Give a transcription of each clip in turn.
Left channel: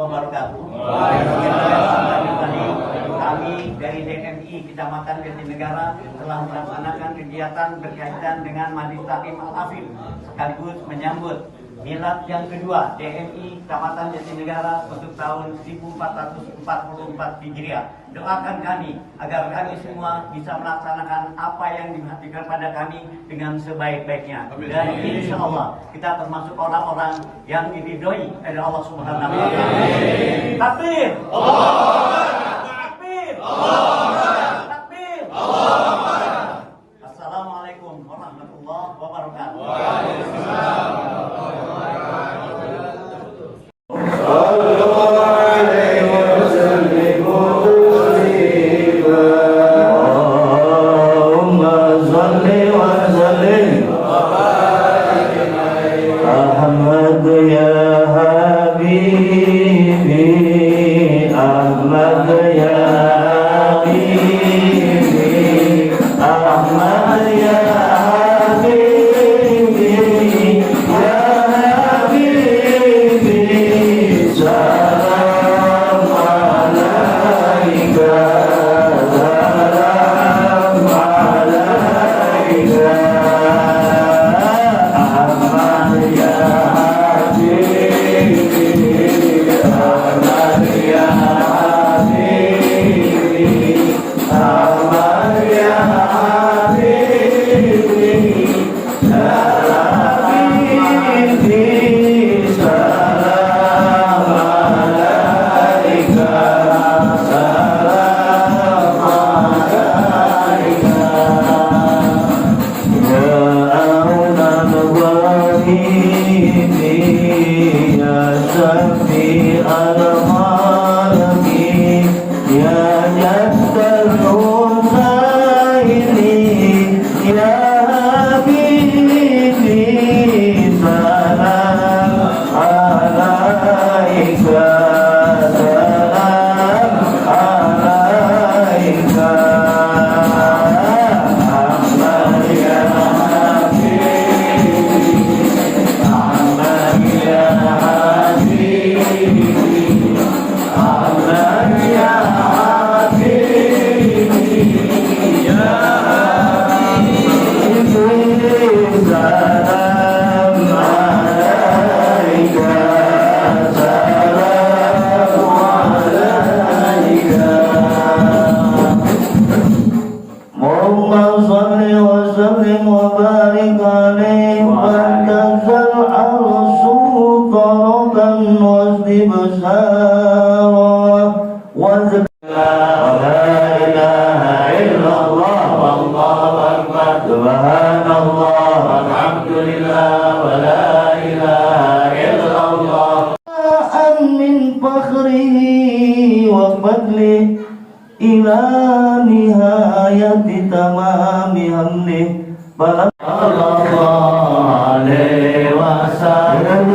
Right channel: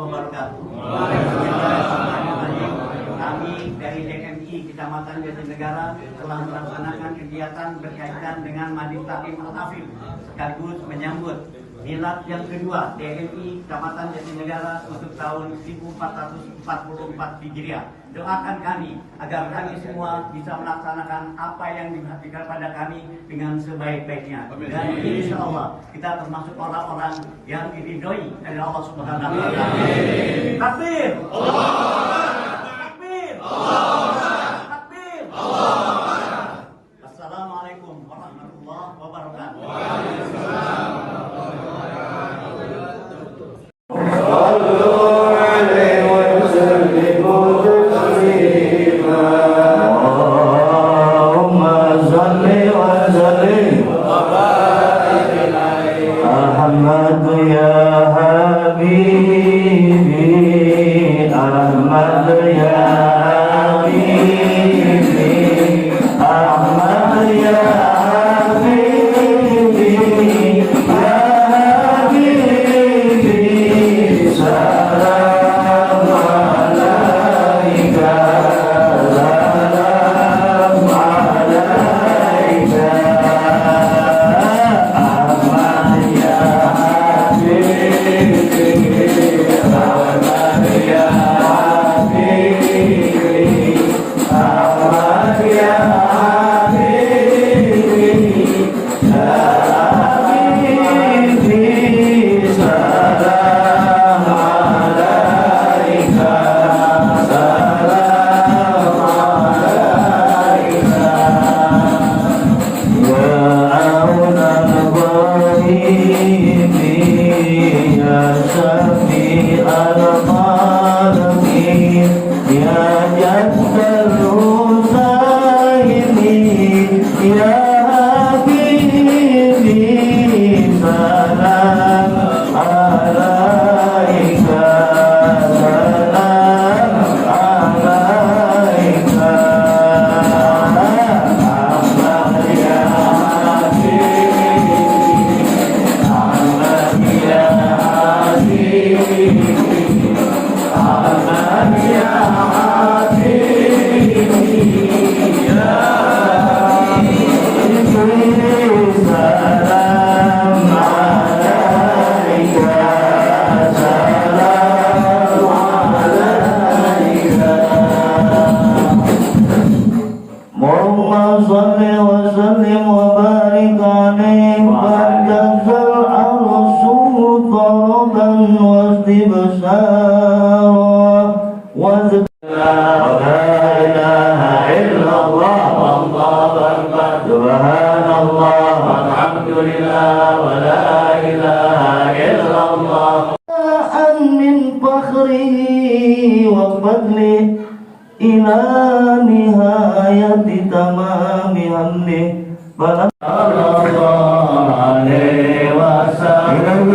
Wabarakatuh. Kami dari DMI Kecamatan Jatinegara telah melaksanakan kegiatan berkaitan dengan Majlis Taklim Al-Afif sekaligus menyambut milad yang kedua DMI Kecamatan Jatinegara untuk tahun 1444 Hijriah. Doakan kami agar kami semua bisa melaksanakan apa yang diberikan pada kami dengan sebaik-baiknya. Dan insya Allah kita termasuk orang-orang yang diridhoi oleh Allah Subhanahu wa Ta'ala. Takbir! Takbir! Takbir! Assalamualaikum warahmatullahi wabarakatuh. Ahmad ya Habibi, Ahmad ya Habibi, Ahmad ya Habibi, ya Habibi, salam alaika, salam alaika. Ila nihayati tamami hamdi sallallahu alaihi wasallam.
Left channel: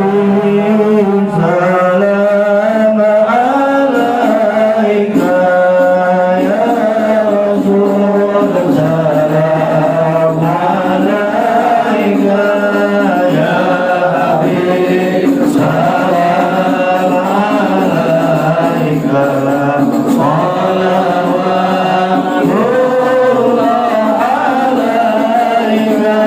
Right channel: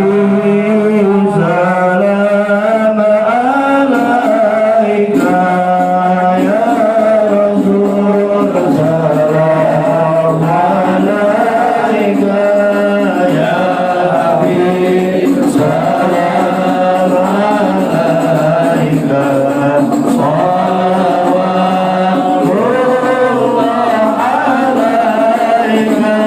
Salam alaika ya Rasul, salam alaika ya Habib, salam alaika. Salawatullah alaika.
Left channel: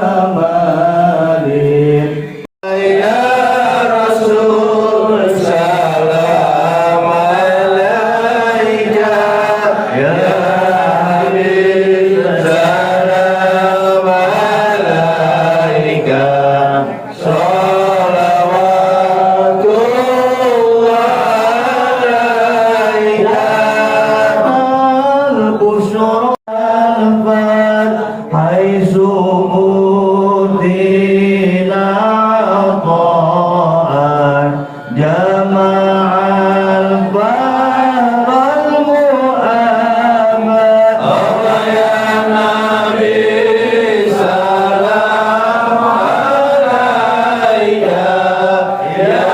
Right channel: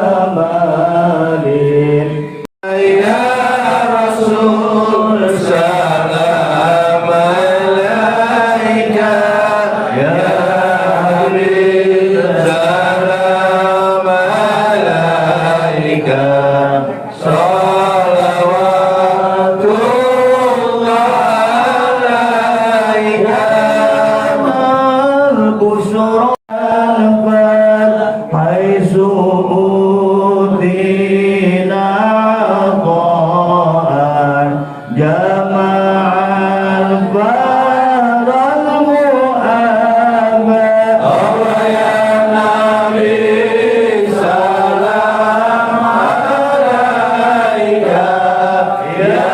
amalin. Ya Rasul salam alaika, ya Habib salam alaika, salawatullah alaika. Al-busyra حيث أدل عطاء جمع البر المؤمن. الله يا نبي سلام عليك، يا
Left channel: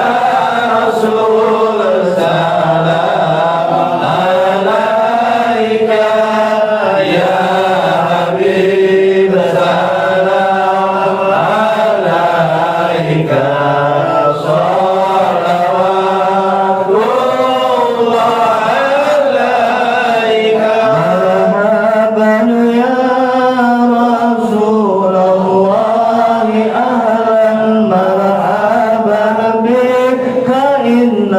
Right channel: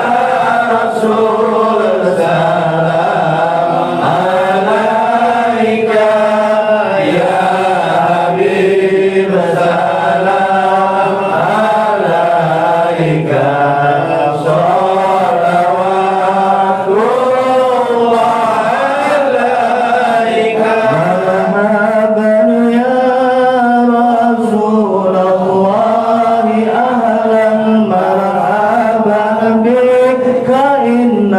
رسول سلام عليك، يا حبيب سلام عليك، صلوات الله عليك. مرحبا يا رسول الله، أهلا مرحبا بك، فإن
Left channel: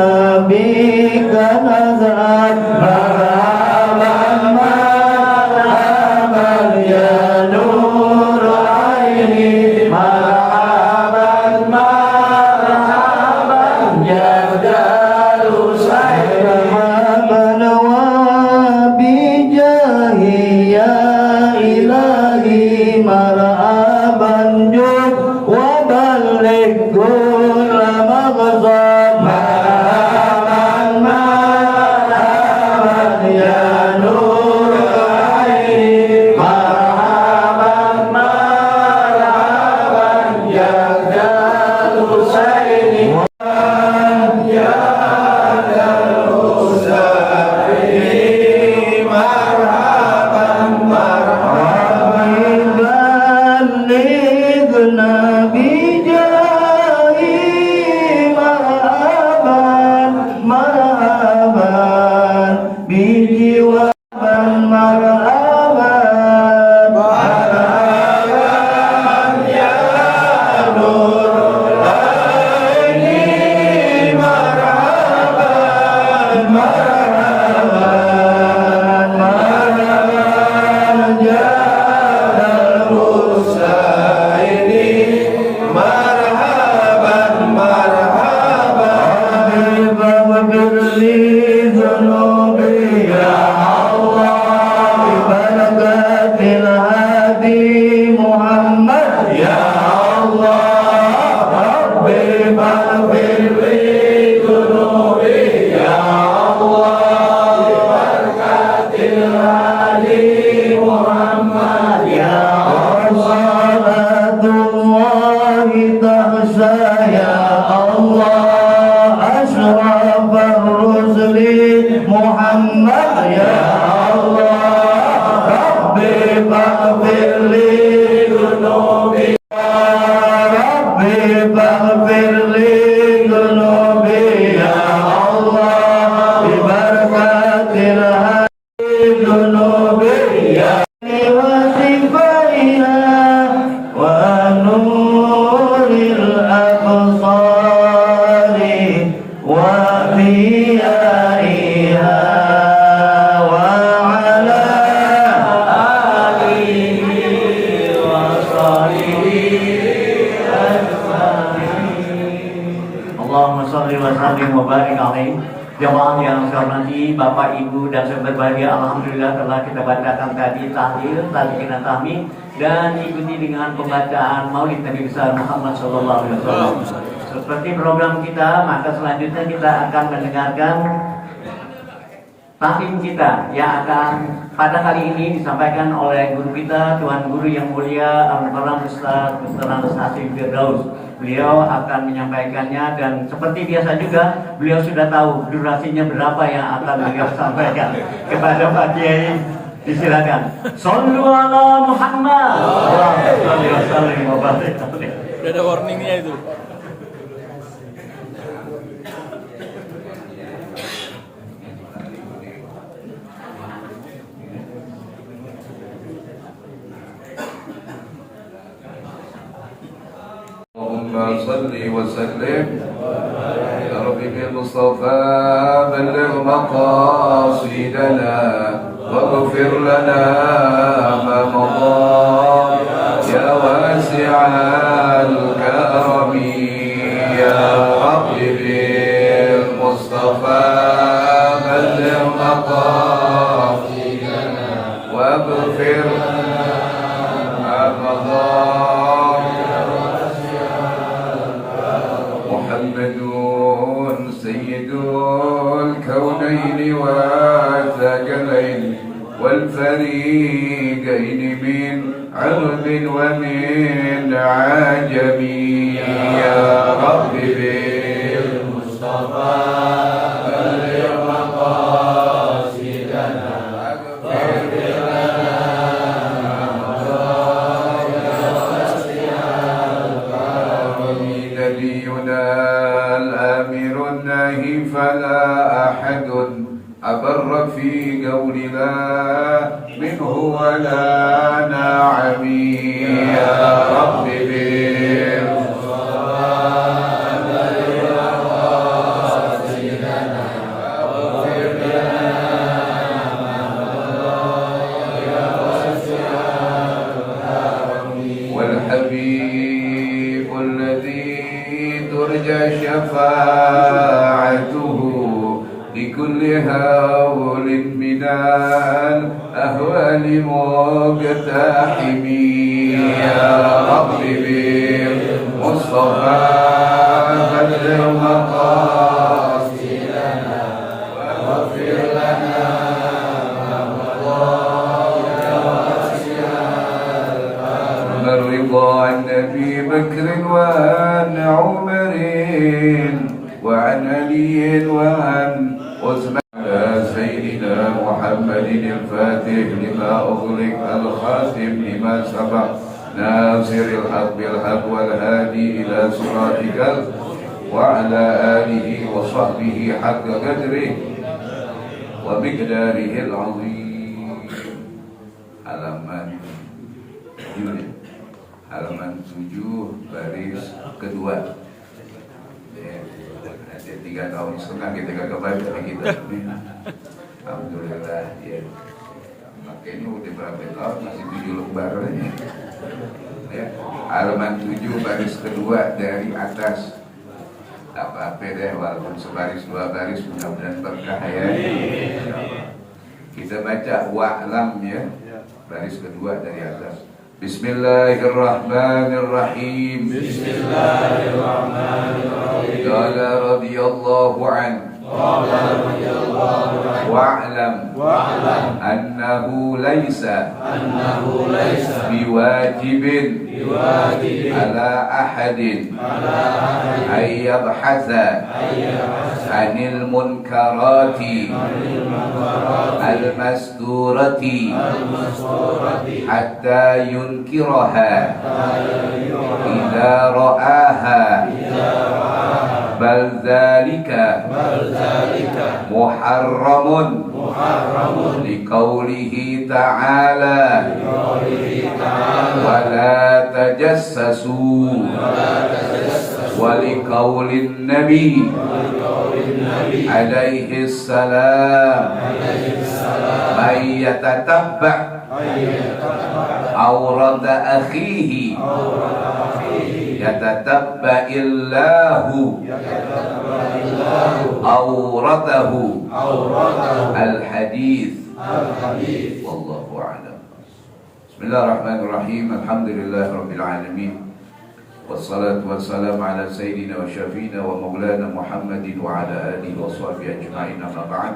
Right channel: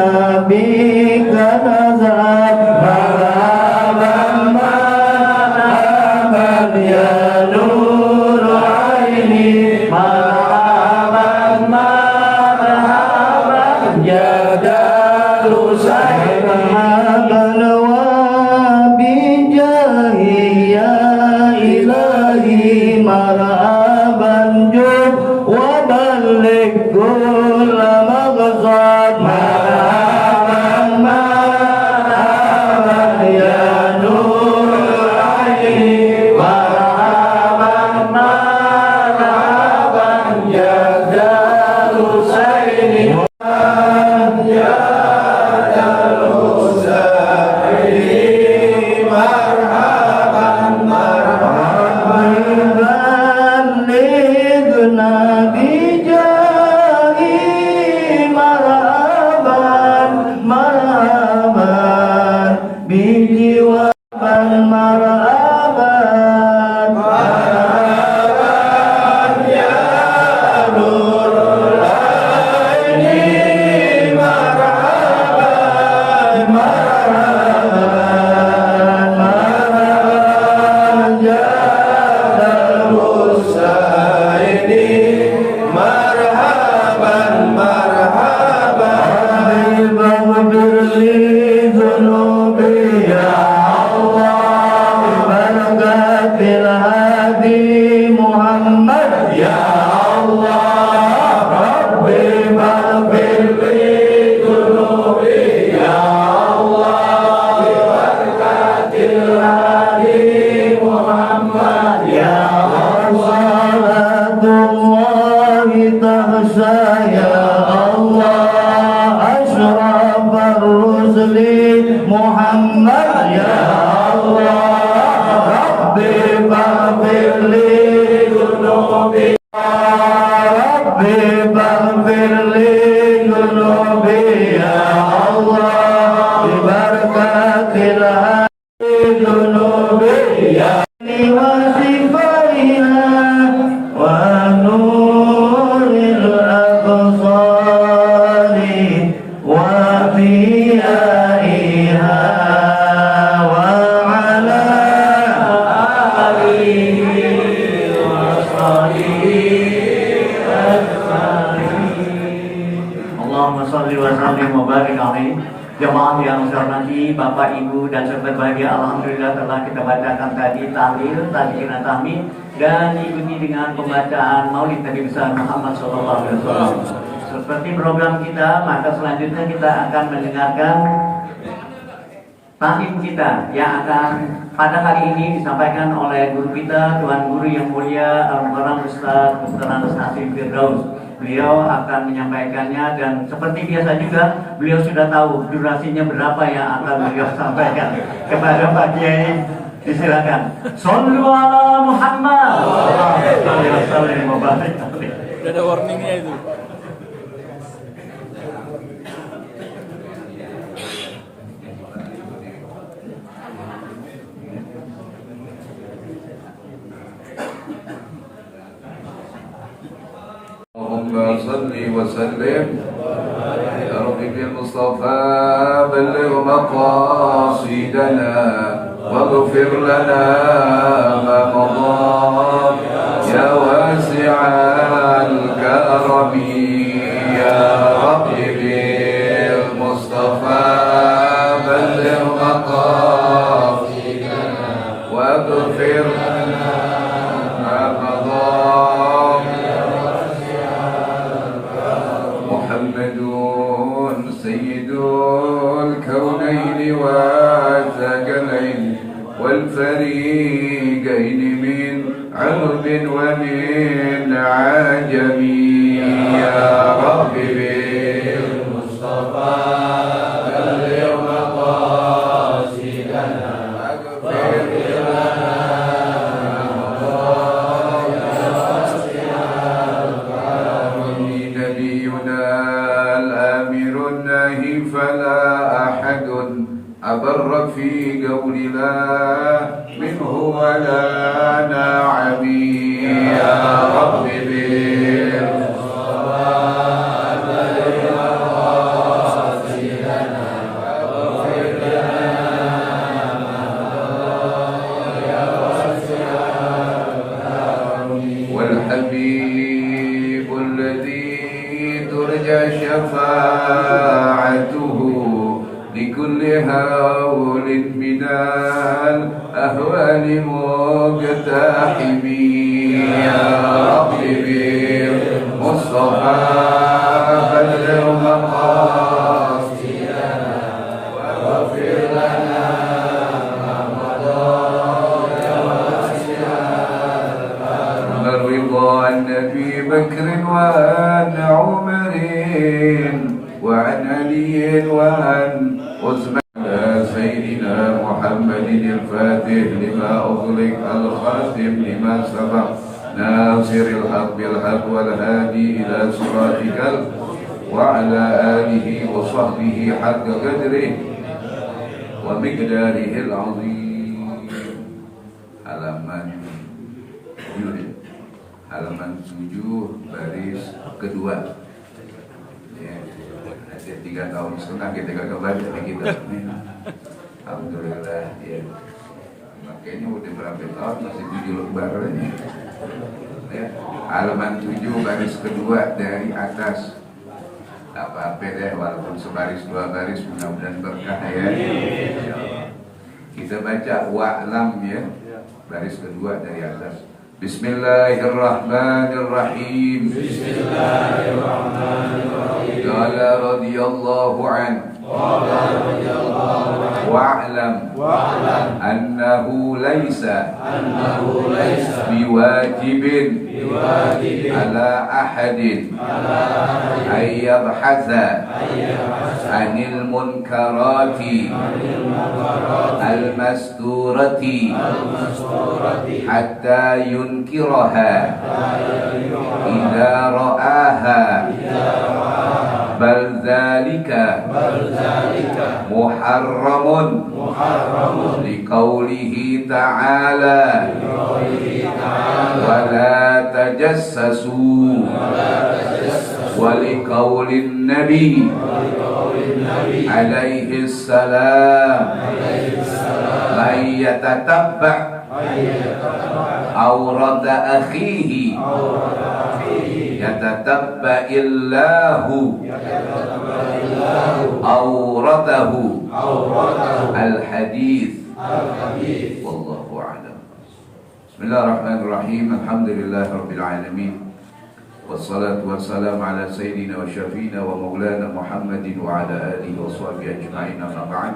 بك نزعت. مرحبا مرحبا يا نور عيني، مرحبا مرحبا يا دار سعيدي. مرحبا وبجاهي يا إلهي، مرحبا جد وبلغ كل مقصد. مرحبا مرحبا يا نور عيني، مرحبا مرحبا يا دار سعيدي، يا دار سعيدي. مرحبا مرحبا بلغنا بجاهي، مرحبا مرحبا بجوابا، مرحبا مرحبا يا نور العين، مرحبا مرحبا مرحبا يا دار سعيدي، مرحبا مرحبا. اغفر لي ذنوبي يا الله، ببركة الهادي محمد يا الله. ربي اغفر لي ذنوبي يا الله، ببركة الهادي محمد يا الله. صلاة الله تغشى يا الله، أشرف الرسل محمد يا الله. ربي اغفر لي ذنوبي، ربي اغفر لي ذنوبي يا الله، ببركة الهادي ذنوبي يا وصفائها ونور الأبصار وضيائها، وعلى آله وصحبه أجمعين. Allahumma sholli wa sallim wa barik alaihi. Jemaah yang saya hormati, Bapak, Ibu, dan sahabat bahagia, alhamdulillah telah kita bacakan tadi tahlil, talqin tahmid, dan ikuti dengan pembacaan Maulid Nabi besar Muhammad SAW. Seperti program kita, maka selanjutnya kita akan mendengarkan tahlim kita yang akan pada kali ini disampaikan oleh guru kita, Tuan Guru yang mulia Al-Mukarram Ustaz Dr. Hasim Firdaus. Beliau akan menyampaikannya, dan seperti biasa juga beliau sudah tahu durasinya berapa yang akan beliau sampaikan kepada Pak Kiai. Disilakan. Shollu ala Muhammad. Sallallahu alaihi wasallam. Ada warningnya itu. اللهم صل وسلم يا رب بالمصطفى بلغ مقاصدنا واغفر لنا ما مضى يا واسع الكرم يا رب بالمصطفى بلغ مقاصدنا واغفر لنا ما مضى محمد سيد الكونين والثقلين والفريقين من عرب ومن عجم يا رب بالمصطفى بلغ مقاصدنا واغفر لنا نبينا الآمر الناهي فلا أحد أبر في قول لا منه ولا نعم يا رب بالمصطفى بلغ مقاصدنا واغفر لنا ما مضى يا واسع الكرم والحبيب الذي ترجى شفاعته لكل هول من الأهوال مقتحم يا رب بالمصطفى بلغ مقاصدنا واغفر لنا ما مضى يا واسع الكرم الرضا عن أبي بكر وعن عمر وعن علي وعن عثمان سيدنا محمد الفاتح لما أغلق الخاتم لما سبق ناصر الحق بالحق والهادي إلى صراطك وعلى آله وصحبه حق قدره ومقداره العظيم. Halaman 7 baris kedua. Ya, ada 3 tahun setengah kita kagak baca kita. Alhamdulillah ya. Makanya udah berapa tahun masih 7 lembar ya. Halaman 7 baris kedua dari atas. Apa-apa deh walaupun sebaris 2 baris mudah-mudahan berkah ya. Kita baca wa'lam ya. Baris kedua dari atas. Bismillahirrahmanirrahim. Bismillahirrahmanirrahim. Qala radhiyallahu anhu. Wa'lam annahu laysa biwajibin ala ahadin ay yabhatha anil munkarati al-masturati hatta yunkiraha idza ra'aha bal dzalika muharramun liqaulihi ta'ala wa la tajassasu wa liqaulin nabi alaihi salam man yatatabba awrata akhihi yatatabba illahu awratahu al-hadith wallahu a'lam. Bismillahirrahmanirrahim. Alhamdulillah rabbil alamin. Wassalatu wassalamu ala sayyidina wa syafina wa maulana Muhammadin wa ala alihi wa sahbihi ajma'in, amma ba'd.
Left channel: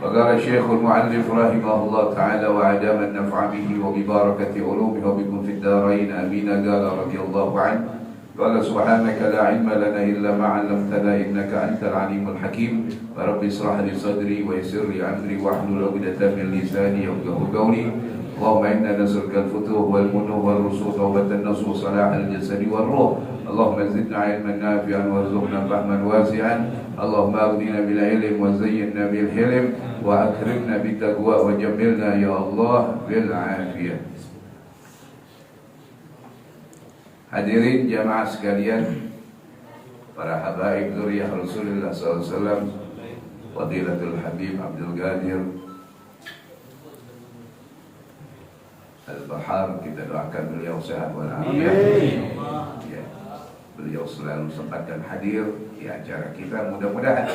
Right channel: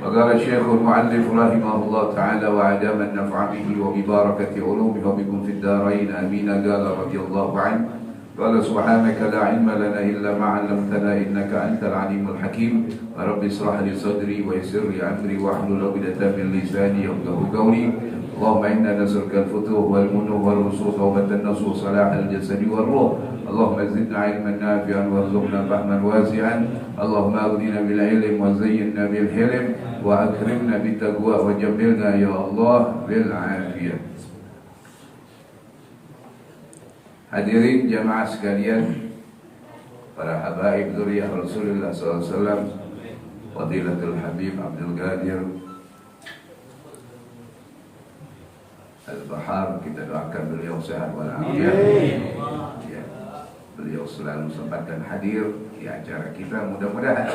Faqala Syekhul Mu'allif rahimahullah ta'ala wa adama an-naf'a bihi wa bi barakati ulumihi wa bikum fid darain amin. Qala radhiyallahu anhu qala subhanaka la ilma lana illa ma 'allamtana innaka antal alimul hakim. Wa rabbi ishrah li sadri wa yassir li amri wa hlul 'uqdatam min lisani yafqahu qawli. Allahumma inna nas'aluka al-futuh wal munuh wal rusukh wa an-nasuh salah al-jasad wal ruh. Allahumma zidna 'ilman nafi'an warzuqna fahman wasi'an. Allahumma aghnina bil 'ilm wa zayyinna bil hilm wa akrimna bit taqwa wa jamilna ya Allah bil 'afiyah. Hadirin jamaah sekalian, para habaib dzurriyyah Rasulullah SAW, Fadilatul Habib Abdul Qadir Al-Bahar, kita doakan beliau sehat walafiat. Ya, beliau selalu sempatkan hadir di acara kita. Mudah-mudahan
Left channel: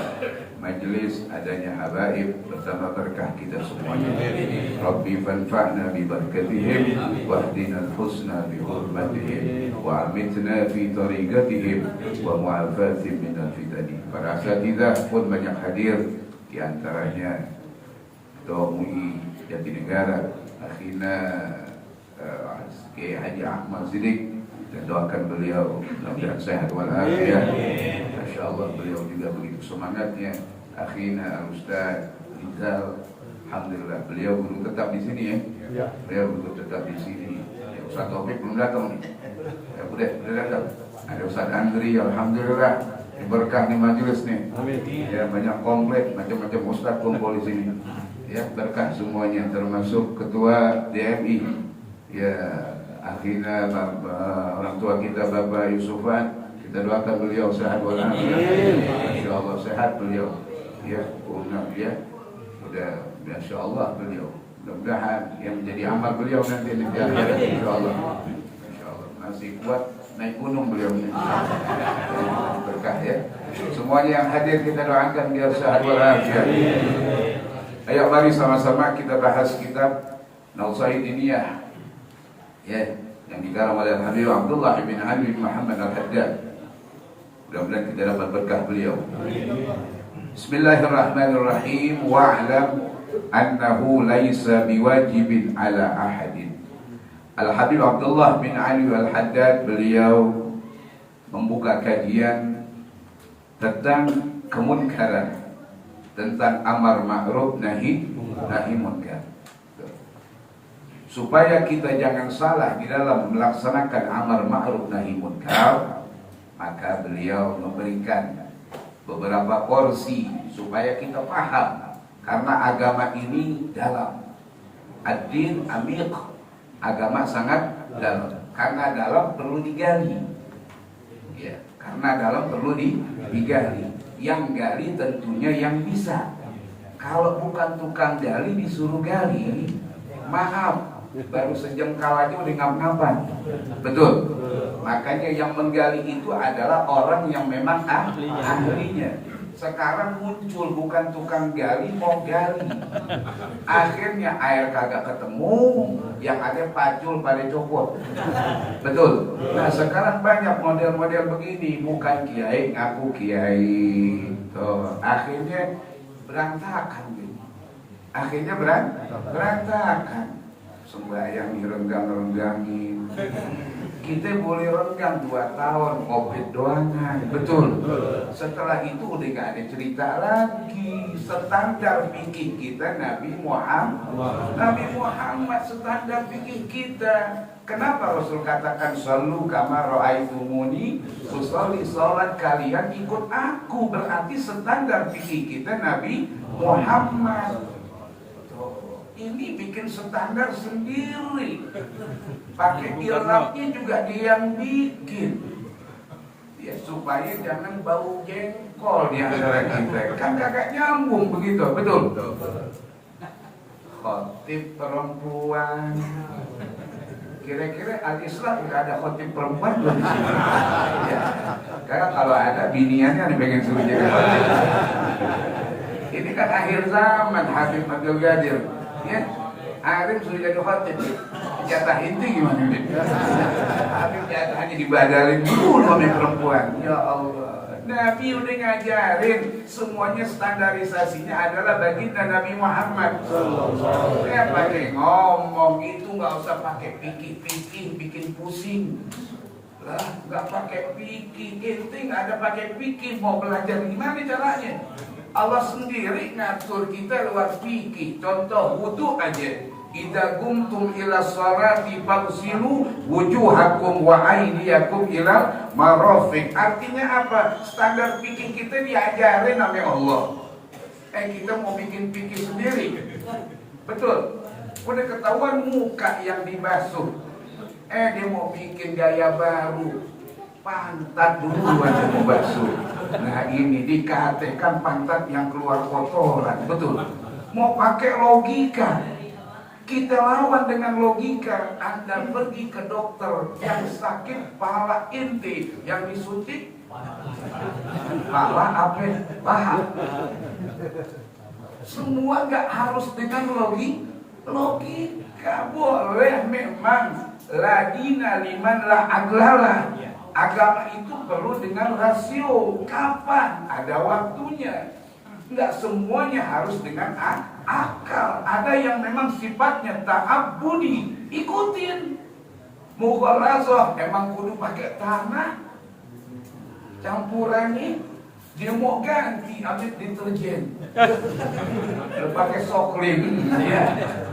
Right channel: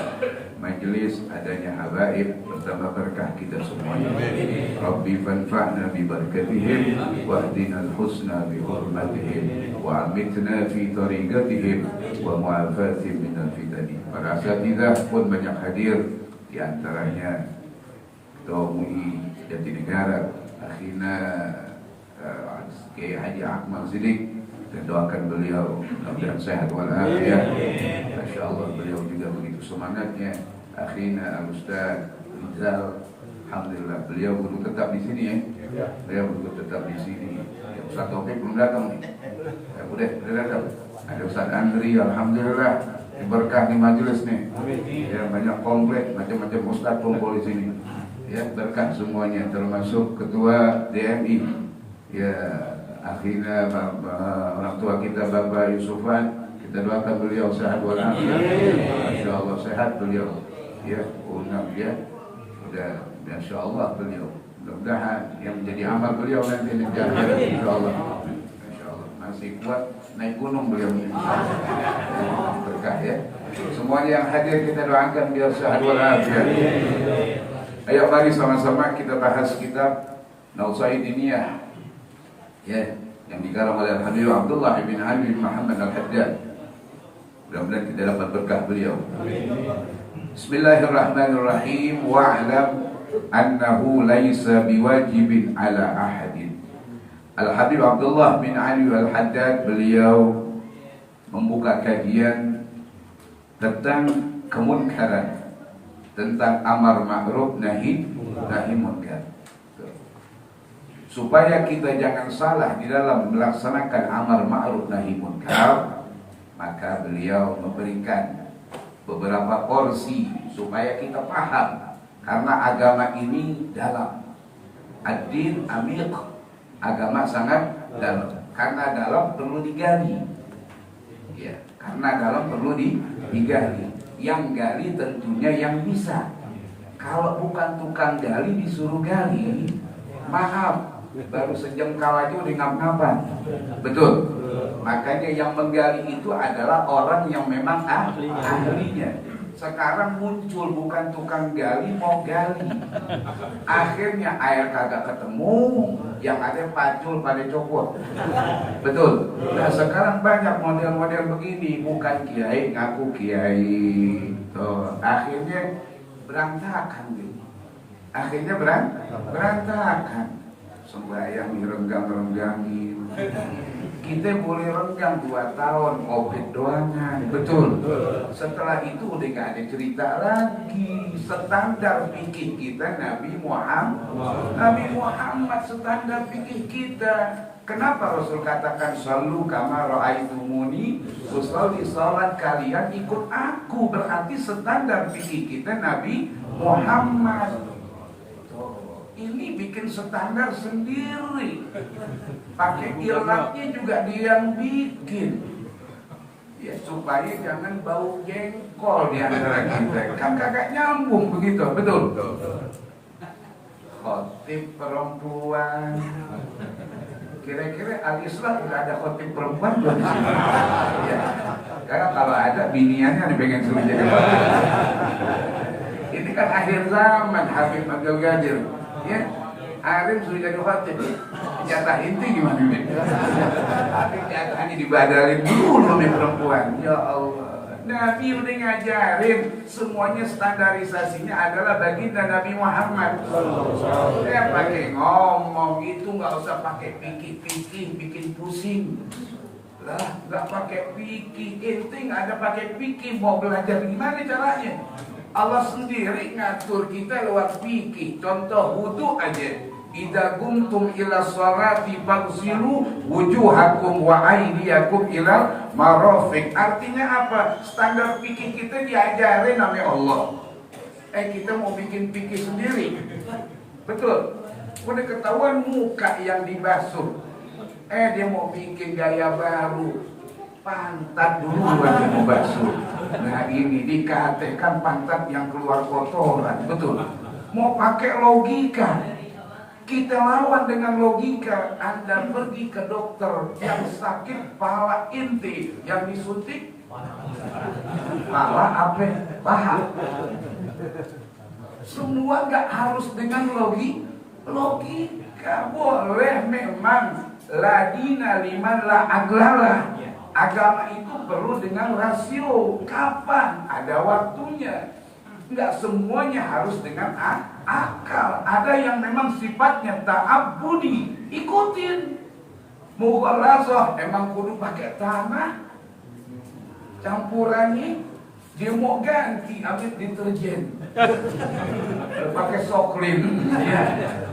majelis adanya habaib bersama berkah kita semuanya. Rabbi fanfa'na bi barakatihim wahdina al-husna bi hurmatihim wa amitna fi tariqatihim wa mu'afatin min al-fitani. Para asatidzah pun banyak hadir, di antaranya Ketua MUI Jatinegara Akhina Kiai Haji Ahmad Siddiq, dan doakan beliau mudah-mudahan sehat walafiat. Masya Allah, beliau juga begitu semangatnya. Akhina Al-Ustaz Rizal, alhamdulillah beliau guru tetap di sini ya. Beliau guru tetap di sini. Ya, Ustaz Taufik belum datang nih. Ya, udah datang. Ada Ustaz Andri, alhamdulillah. Berkah di majelis nih. Ya, banyak komplit, macam-macam ustaz kumpul di sini. Ya, berkah semuanya, termasuk ketua DMI. Ya, akhirnya orang tua kita Bapak Yusufan, kita doakan beliau sehat walafiat. Insyaallah sehat beliau. Ya, unggah ya. Sudah masyaallah beliau. Mudah-mudahan yang menjadi amal beliau nanti di akhirat insyaallah. Insyaallah masih kuat naik gunung beliau. Berkah ya. Semuanya yang hadir kita doakan biar sehat walafiat. Ayo mari sama-sama kita bahas kitab Nausaidiniyah. Ya, yang dikarang oleh Habib Abdullah bin Ali bin Muhammad Al-Haddad. Mudah-mudahan kita dapat berkah beliau. Bismillahirrahmanirrahim. Wa'lam annahu laisa biwajibin ala ahadin. Al-Habib Abdullah bin Ali Al-Haddad, beliau membuka kajian tentang kemunkaran, tentang amar ma'ruf nahi munkar, supaya kita jangan salah di dalam melaksanakan amar ma'ruf nahi munkar. Maka beliau memberikan beberapa porsi supaya kita paham, karena agama ini dalam. Ad-din amiq, agama sangat dalam. Karena dalam perlu digali. Ya, karena dalam perlu digali. Yang gali tentunya yang bisa. Kalau bukan tukang gali disuruh gali, maaf, baru sejengkal aja udah ngap-ngapan. Betul. Makanya yang menggali itu adalah orang yang memang ahlinya. Sekarang muncul bukan tukang gali, mau gali. Akhirnya air kagak ketemu, yang ada pacul pada copot. Betul. Nah sekarang banyak model-model begini, bukan kiai ngaku kiai. Tuh, akhirnya berantakan gitu. Akhirnya berantakan. Sembahyang direnggang-renggangin. Kita boleh renggang 2 tahun, covid doangan. Betul. Setelah itu udah gak ada cerita lagi. Standar fikih kita Nabi Muhammad standar fikih kita. Kenapa Rasul katakan sallu kama ra'aitumuni usolli, salat kalian ikut aku, berarti standar fikih kita Nabi Muhammad. Ini bikin standar sendiri. Pakai irabnya juga dia yang bikin. Ya supaya jangan bau jengkol di antara kita. Kan kagak nyambung begitu, betul? Khotib perempuan. Kira-kira al-Islam tidak ada khotib perempuan di sini. Ya. Karena kalau ada biniannya pengen suruh jadi khotib. Ini kan akhir zaman Habib Abdul Qadir. Ya, Arif sudah jadi khotib. Jatah inti gimana nih? Arif jatahnya dibadalin dulu sama perempuan. Ya Allah, Nabi udah ngajarin semuanya, standarisasinya adalah baginda Nabi Muhammad. Saya pakai ngomong itu nggak usah pakai pikir-pikir bikin pusing. Lah, nggak pakai pikir, inti nggak ada pakai pikir. Mau belajar gimana caranya? Allah sendiri ngatur kita lewat fikih. Contoh wudu aja. Idza qumtum ila sholati faghsilu wujuhakum wa aydiyakum ila marafiq. Artinya apa? Standar fikih kita diajarin oleh Allah. Kita mau bikin fikih sendiri. Betul. Udah ketahuan muka yang dibasuh. Dia mau bikin gaya baru, pantat dulu aja mau basuh. Nah ini dikatakan pantat yang keluar kotoran, betul. Mau pakai logika, kita lawan dengan logika. Anda pergi ke dokter yang sakit pala inti, yang disuntik pala apa? Paha. Semua nggak harus dengan logika. Boleh memang ladina liman la aglala. Agama itu perlu dengan rasio. Kapan? Ada waktunya. Nggak semuanya harus dengan akal. Ada yang memang sifatnya ta'abbudi, ikutin. Mughalazah emang kudu pakai tanah. Campurannya dia mau ganti ambil deterjen. Pakai soklin. Ya.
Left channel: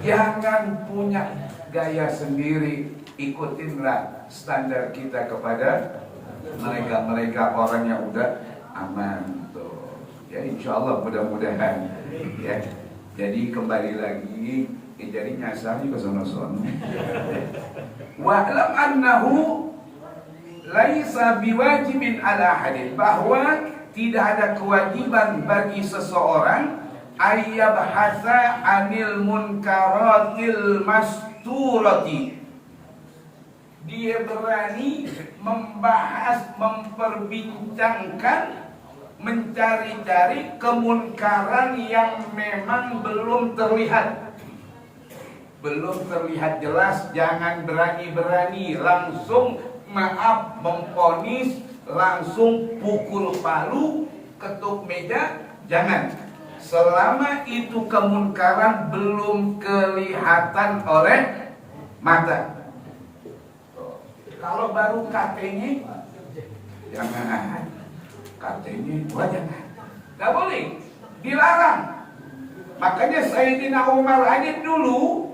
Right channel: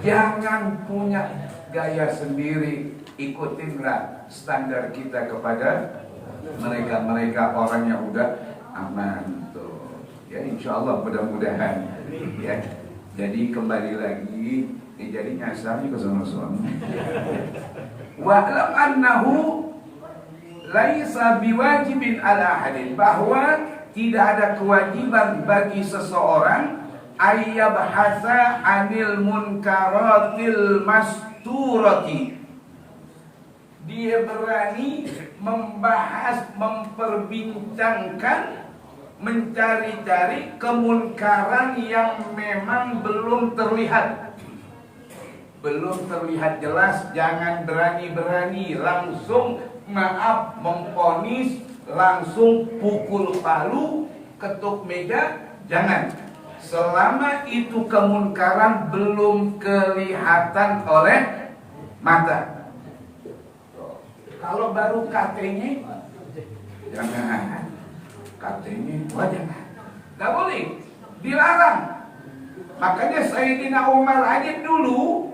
Jangan punya gaya sendiri. Ikutinlah standar kita kepada mereka orang yang udah aman tuh. Ya insya Allah mudah-mudahan ya. Jadi kembali lagi jadi nyasarnya ke sono-sono. Wa'lam annahu laisa biwajibin ala ahadin, bahwa tidak ada kewajiban bagi seseorang ayyabhasa anil munkaratil masturati. Dia berani membahas, memperbincangkan, mencari-cari kemunkaran yang memang belum terlihat. Belum terlihat jelas, jangan berani-berani langsung maaf memponis, langsung pukul palu, ketuk meja, jangan. Selama itu kemunkaran belum kelihatan oleh mata. Kalau baru katanya, jangan. Katanya, jangan. Gak boleh, dilarang. Makanya Sayyidina Umar aja dulu,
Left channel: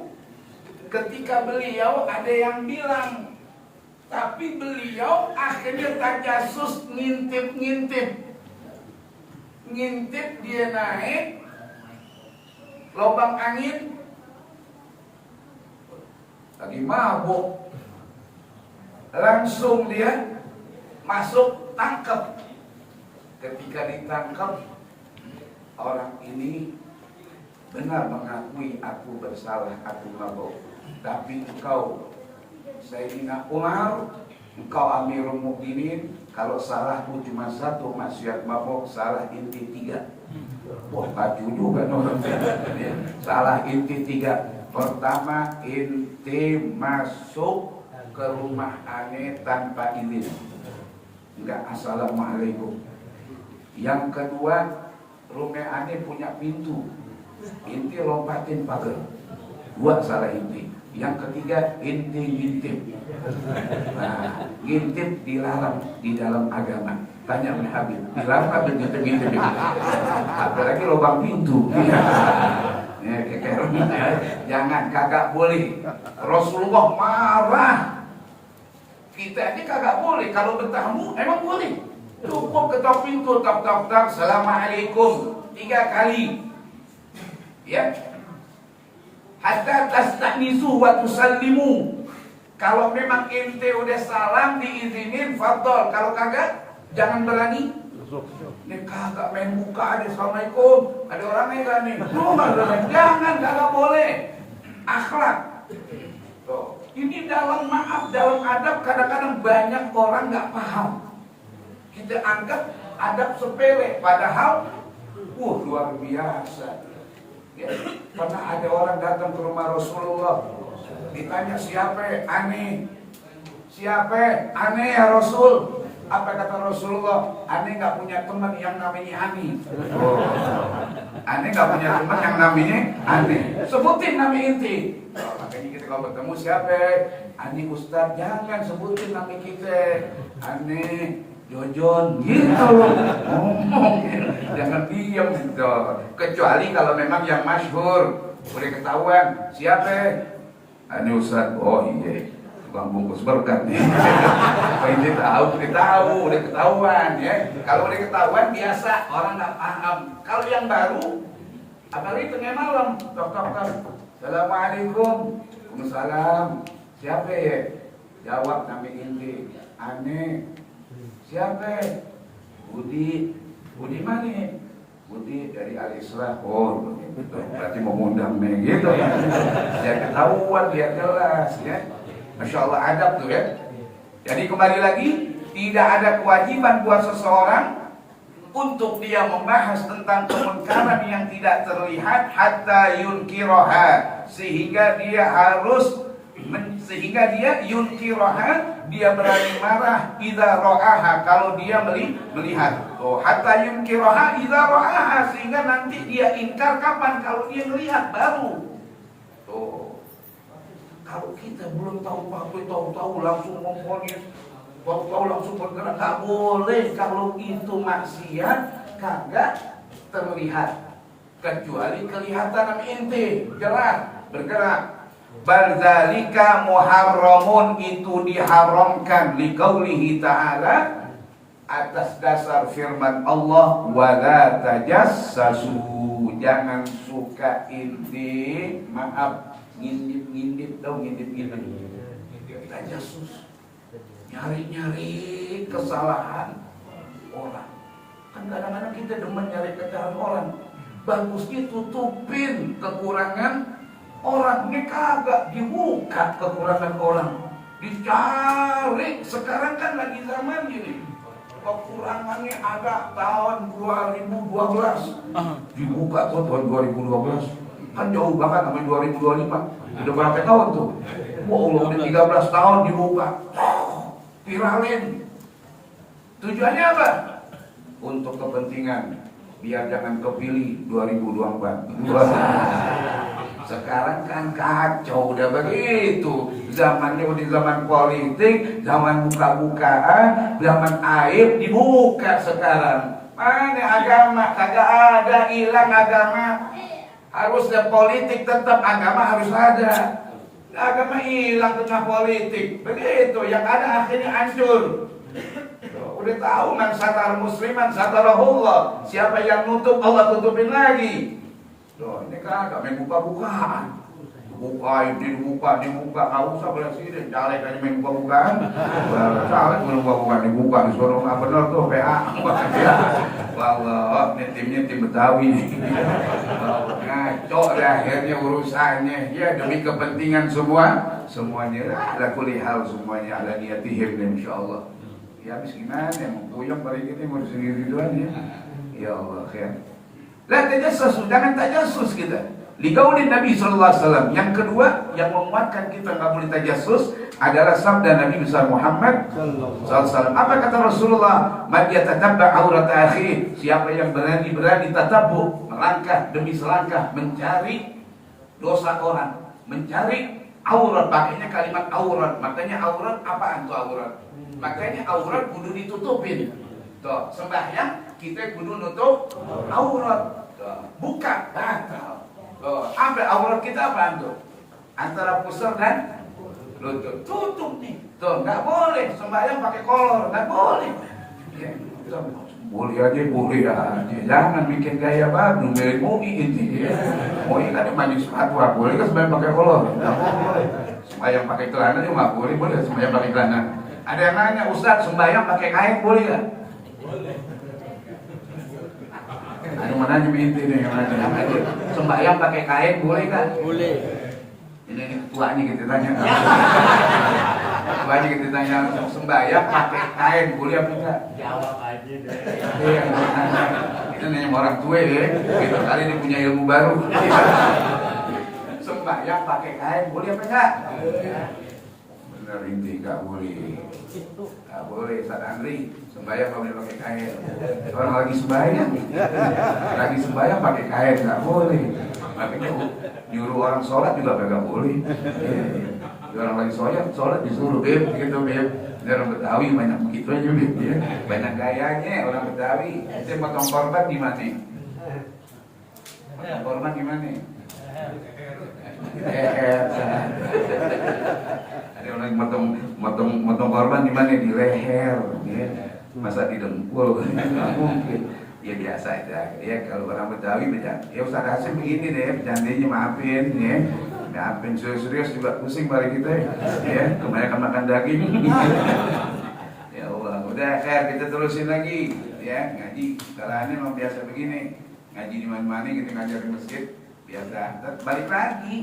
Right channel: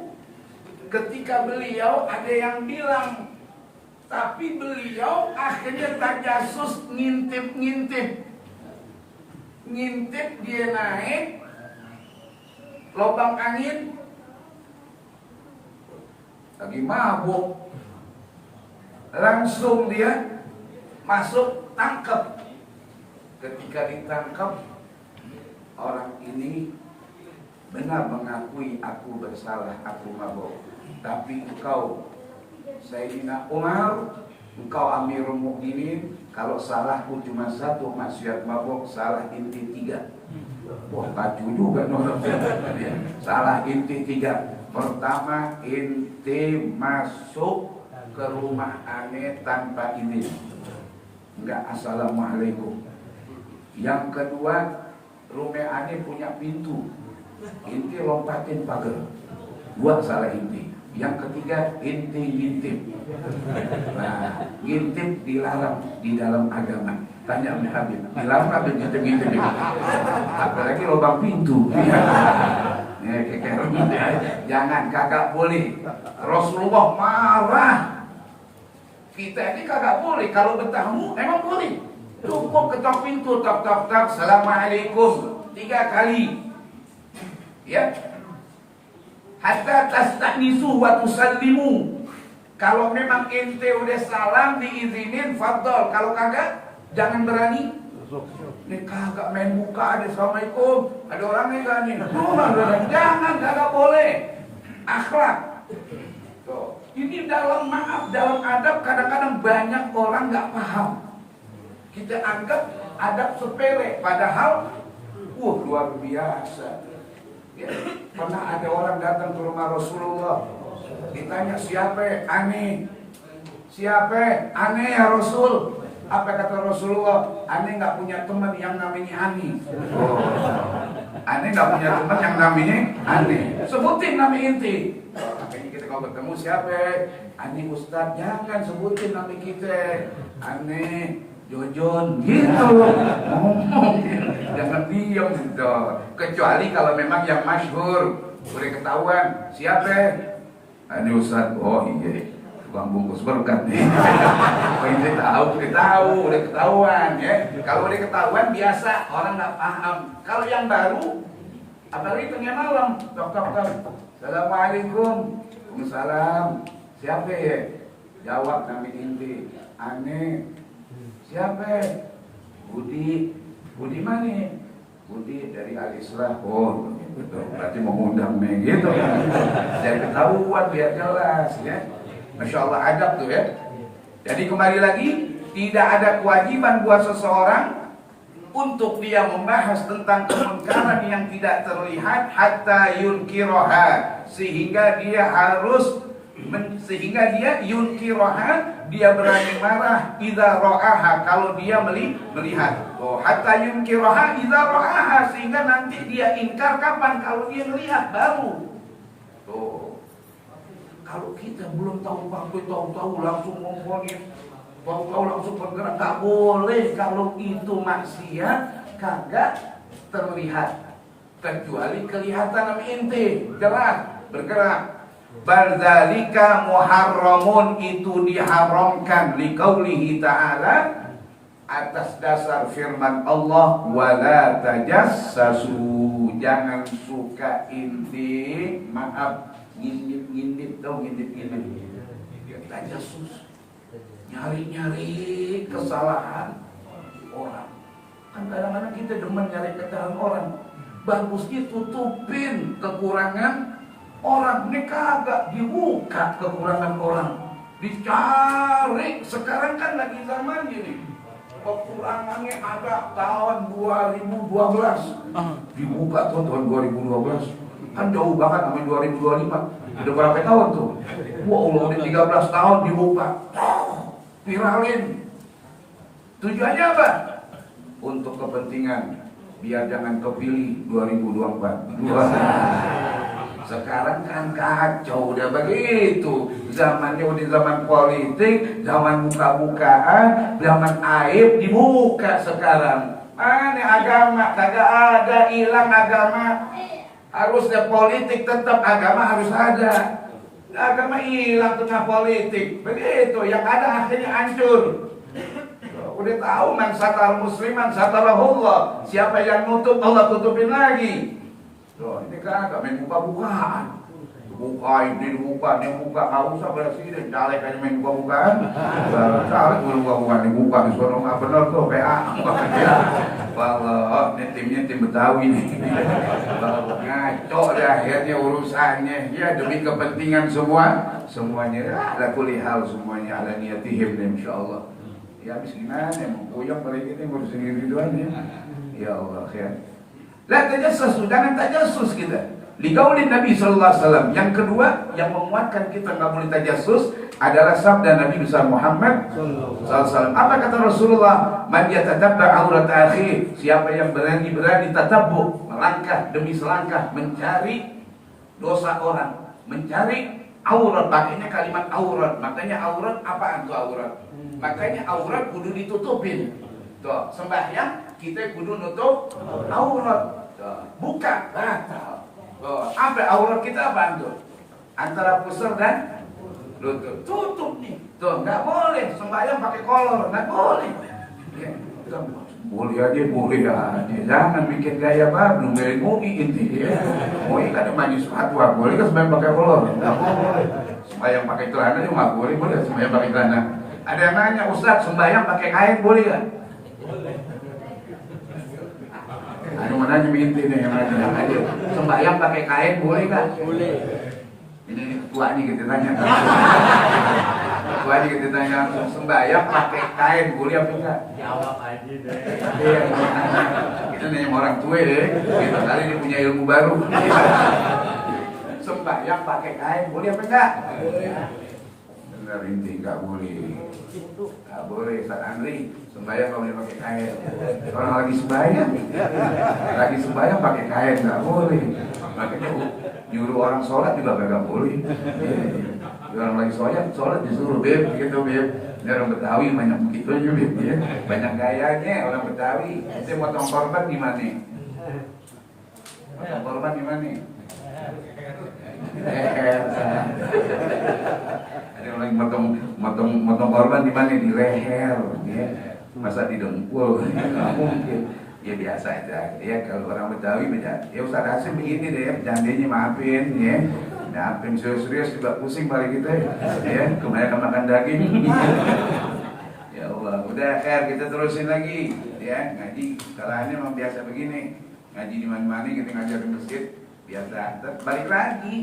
ketika beliau ada yang bilang, tapi beliau akhirnya tajasus, ngintip dia naik lubang angin, lagi mabuk, langsung dia masuk, tangkap. Ketika ditangkap, orang ini benar mengakui, aku bersalah, aku mabuk. Tapi engkau Sayyidina Umar, engkau Amirul Mukminin, kalau salahku cuma satu, maksiat mabuk, salah inti 3. Wah, baju juga no. Salah inti 3. Pertama, inti masuk ke rumah aneh tanpa izin, enggak assalamualaikum. Yang kedua, rumah aneh punya pintu, inti lompatin pagar, buat salah inti. Yang ketiga, inti ngintip. Nah, ngintip dilarang di dalam agama. Tanya sama Habib, dilarang apa ngintip-ngintip? Apalagi lubang pintu. Jangan, kagak boleh. Rasulullah marah. Kita ini kagak boleh. Kalau bertamu emang boleh. Cukup ketok pintu, tok. Assalamualaikum 3 kali. Ya. Hatta tastanisu wa tusallimu. Kalau memang ente udah salam diizinin, fadhol. Kalau kagak, jangan berani. Nih kagak main muka ada assalamualaikum. Ada orangnya enggak nih? Jangan, kagak boleh. Akhlak. Tuh. Ini dalam maaf, dalam adab kadang-kadang banyak orang nggak paham. Kita anggap adab sepele, padahal luar biasa. Ya, pernah ada orang datang ke rumah Rasulullah, ditanya siapa? Aneh. Siapa? Aneh ya Rasul. Apa kata Rasulullah? Aneh nggak punya teman yang namanya Ani. Aneh nggak punya teman yang namanya Ani. Sebutin nama inti. Makanya kita kalau bertemu siapa? Ani Ustadz. Jangan sebutin nama kita. Aneh Jojon gitu. Ngomong. Jangan diam gitu. Kecuali kalau memang yang masyhur, boleh ketahuan. Siapa? Ani Ustadz. Oh iya. Bang bungkus berkat nih. Ini tahu, udah ketahuan ya. Kalau udah ketahuan biasa, orang nggak paham. Kalau yang baru, apalagi tengah malam, tok. Assalamualaikum. Waalaikumsalam. Siapa ya? Jawab kami inti. Aneh. Siapa? Budi. Budi mana? Budi dari Al-Islah. Oh, begitu. Berarti mau ngundang gitu ya. Jadi ketahuan dia jelas ya. Masya Allah adab tuh ya. Jadi kembali lagi, tidak ada kewajiban buat seseorang untuk dia membahas tentang kemungkaran yang tidak terlihat hatta yunkiroha, sehingga dia yunkiroha, dia berani marah idza ra'aha, kalau dia melihat. Oh, hatta yunkiroha idza ra'aha, sehingga nanti dia ingkar kapan? Kalau dia melihat baru. Oh. Kalau kita belum tahu langsung memfonis, tahu langsung bergerak, nggak boleh. Kalau itu maksiat kagak terlihat, kecuali kelihatan sama inti gerak bergerak. Bal-dzalika muharramun, itu diharamkan liqaulihi ta'ala, atas dasar firman Allah, wala tajassasu, jangan suka inti, maaf, ngintip tajasus, nyari kesalahan orang. Kan kadang-kadang kita demen nyari kesalahan orang, bagusnya tutupin kekurangan orang. Ini kagak dibuka kekurangan orang, dicari. Sekarang kan lagi zaman gini, kekurangannya ada tahun 2012 dibuka tuh tahun 2012. Kan jauh banget sampai 2025. Udah berapa tahun tuh? Wah, udah 13 tahun dibuka. Viralin. Tujuannya apa? Untuk kepentingan biar jangan kepilih 2024. Sekarang kan kacau udah begitu. Zamannya udah zaman politik, zaman buka-bukaan, zaman aib dibuka sekarang. Mana agama? Kagak ada, hilang agama. Harusnya politik tetap, agama harus ada. Agama hilang tengah politik. Begitu, yang ada akhirnya hancur. Udah tahu man satar musliman satarahullah. Siapa yang nutup, Allah tutupin lagi. Loh, ini kagak main buka-bukaan. Buka ini dibuka, nggak usah presiden, caleg aja main buka-bukaan. Caleg buka-bukaan dibuka, disuruh nggak benar tuh PA. Walau ini timnya tim Betawi nih. Ngaco deh akhirnya urusannya. Ya demi kepentingan semuanya ada kulihal, semuanya ada niatihim insya Allah. Ya habis gimana? Mau puyeng pergi kita mau sendiri doang ya. Ya Allah ya. Lah tajassus, jangan tajassus kita. Liqaulin Nabi sallallahu alaihi wasallam. Yang kedua yang menguatkan kita enggak boleh tajassus adalah sabda Nabi besar Muhammad sallallahu alaihi wasallam. Apa kata Rasulullah? Man yatatabba aurat akhi, siapa yang berani tatabbu, melangkah demi selangkah mencari dosa orang, mencari aurat, pakainya kalimat aurat. Makanya aurat apaan tuh aurat? Makanya aurat kudu ditutupin. Tuh, sembahyang kita kudu nutup aurat. Tuh, buka batal. Oh, apa aurat kita apa tuh? Antara pusar dan lutut. Tutup nih. Tuh, nggak boleh sembahyang pakai kolor, nggak boleh. Ya, boleh aja. Jangan bikin gaya baru dari MUI inti ya. MUI kan maju sepatu, boleh kan sembahyang pakai kolor? Nggak boleh. Sembahyang pakai celana ini mah boleh sembahyang pakai celana. Ada yang nanya, Ustaz, sembahyang pakai kain boleh nggak? Boleh. Ada mana aja binti nih yang nanya. Sembahyang pakai kain boleh nggak? Boleh. Ini ketuanya kita tanya. Ketuanya kita tanya, sembahyang pakai kain boleh apa enggak? Jawab aja deh. Iya, kita nanya orang tua deh. Kita kali ini punya ilmu baru. Sembahyang pakai kain boleh apa enggak? Benar inti nggak boleh. Nggak boleh, Ustaz Andri. Sembahyang kalau pakai kain. Orang lagi sembahyang pakai kain nggak boleh. Makanya nyuruh orang sholat juga nggak boleh. Orang lagi sholat disuruh beb gitu beb. Ini orang Betawi banyak begitu aja beb ya. Banyak gayanya orang Betawi. Saya potong korban gimana? Potong korban gimana? Ada orang motong korban di mana? Di leher, ya. Masa di dengkul? Nggak mungkin. Ya biasa aja. Ya kalau orang Betawi beda. Ya Ustaz Hasim begini deh, janjinya maafin, ya. Ya, apa yang serius-serius juga pusing balik kita ya. Kebanyakan makan daging. Ya Allah, udah kita terusin lagi ya ngaji. Caranya memang biasa begini. Ngaji di mana-mana kita ngajar di masjid biasa. Balik lagi.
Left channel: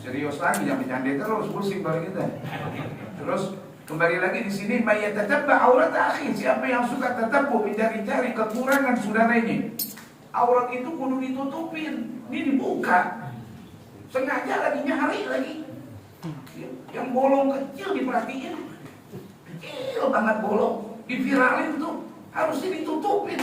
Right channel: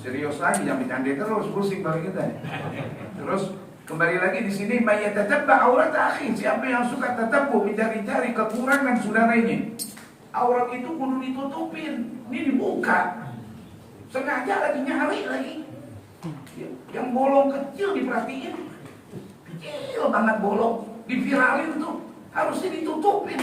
Serius lagi, jangan bercanda terus, pusing balik kita. Terus kembali lagi di sini, mayyatattabba aurat akhi. Siapa yang suka tatabbu, mencari-cari kekurangan saudaranya. Aurat itu kudu ditutupin, ini dibuka. Sengaja lagi nyari lagi. Yang bolong kecil diperhatiin. Kecil banget bolong, diviralin tuh. Harusnya ditutupin.